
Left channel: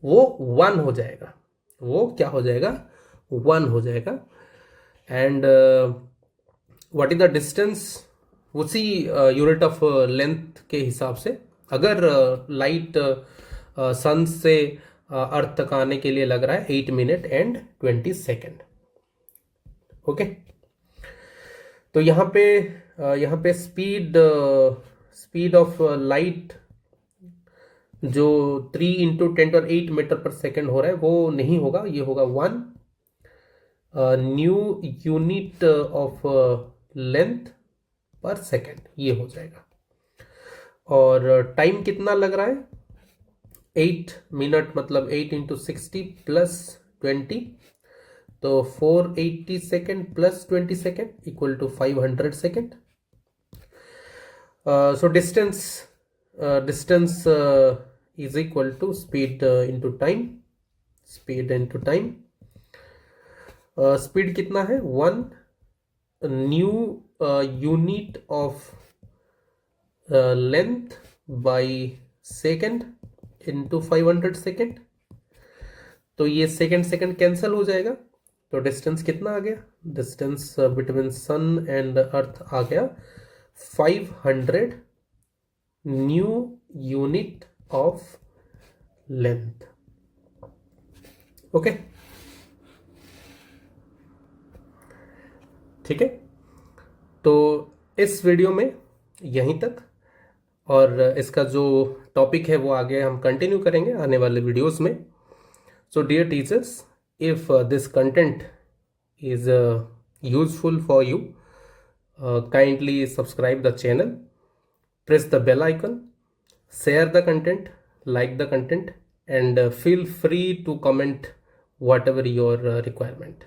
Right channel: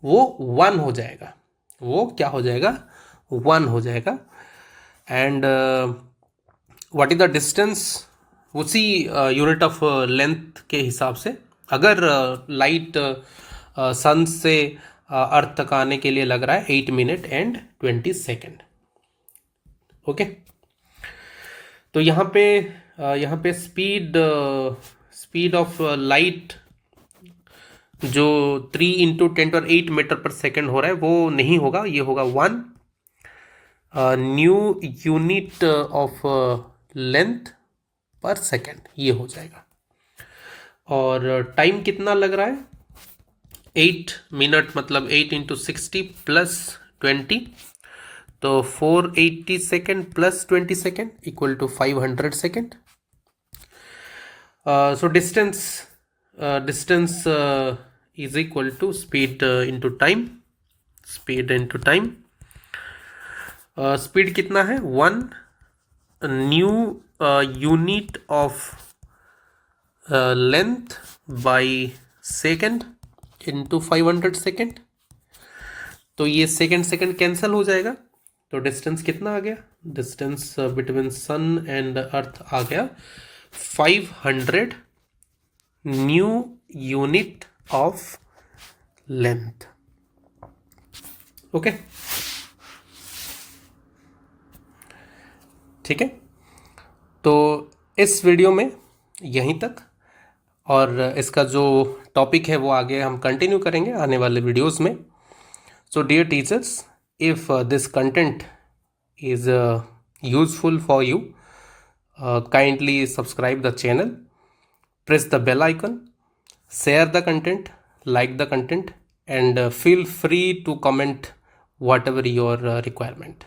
वो 1 हो जाएगा। वो क्या हो जाएगा? 1 हो जाएगा। And what is the distance, उसी यूनिट ऑफ लेंथ के हिसाब से, अगर लाइट सन से अर्थ तक आने के लिए लग रहा है 8 मिनट एंड 20 सेकेंड। ओके, तो यहाँ पे स्पीड ऑफ लाइट जो 3 × 10⁸ मीटर पर सेकेंड हो रहा है वो नहीं होगा, ये होगा 1 न्यू यूनिट ऑफ लेंथ पर सेकेंड, ये हो जाएगा। और टाइम कितना लग रहा है? 8 मिनट मतलब 8 × 60 + 20, तो 480 second + 20 second equal to 500 second. So distance is equal to speed into time, speed into time। Speed कितना है? 1 new unit of length by second into 500 second, तो ये सेकेंड कैंसिल हो जाएगा, तो डिस्टेंस कितना आ गया? Distance between sun and earth आ गया 500 new unit of length. Okay, ठीक है, तो इस वीडियो में यहीं तक, और इसका जो टॉपिक है वो आगे हम कंटिन्यू करेंगे आने वाले वीडियोस में। So dear teachers, if this content is useful for you, kindly subscribe the channel, press the bell icon, share the content, like the content, and feel free to comment whatever your requirement.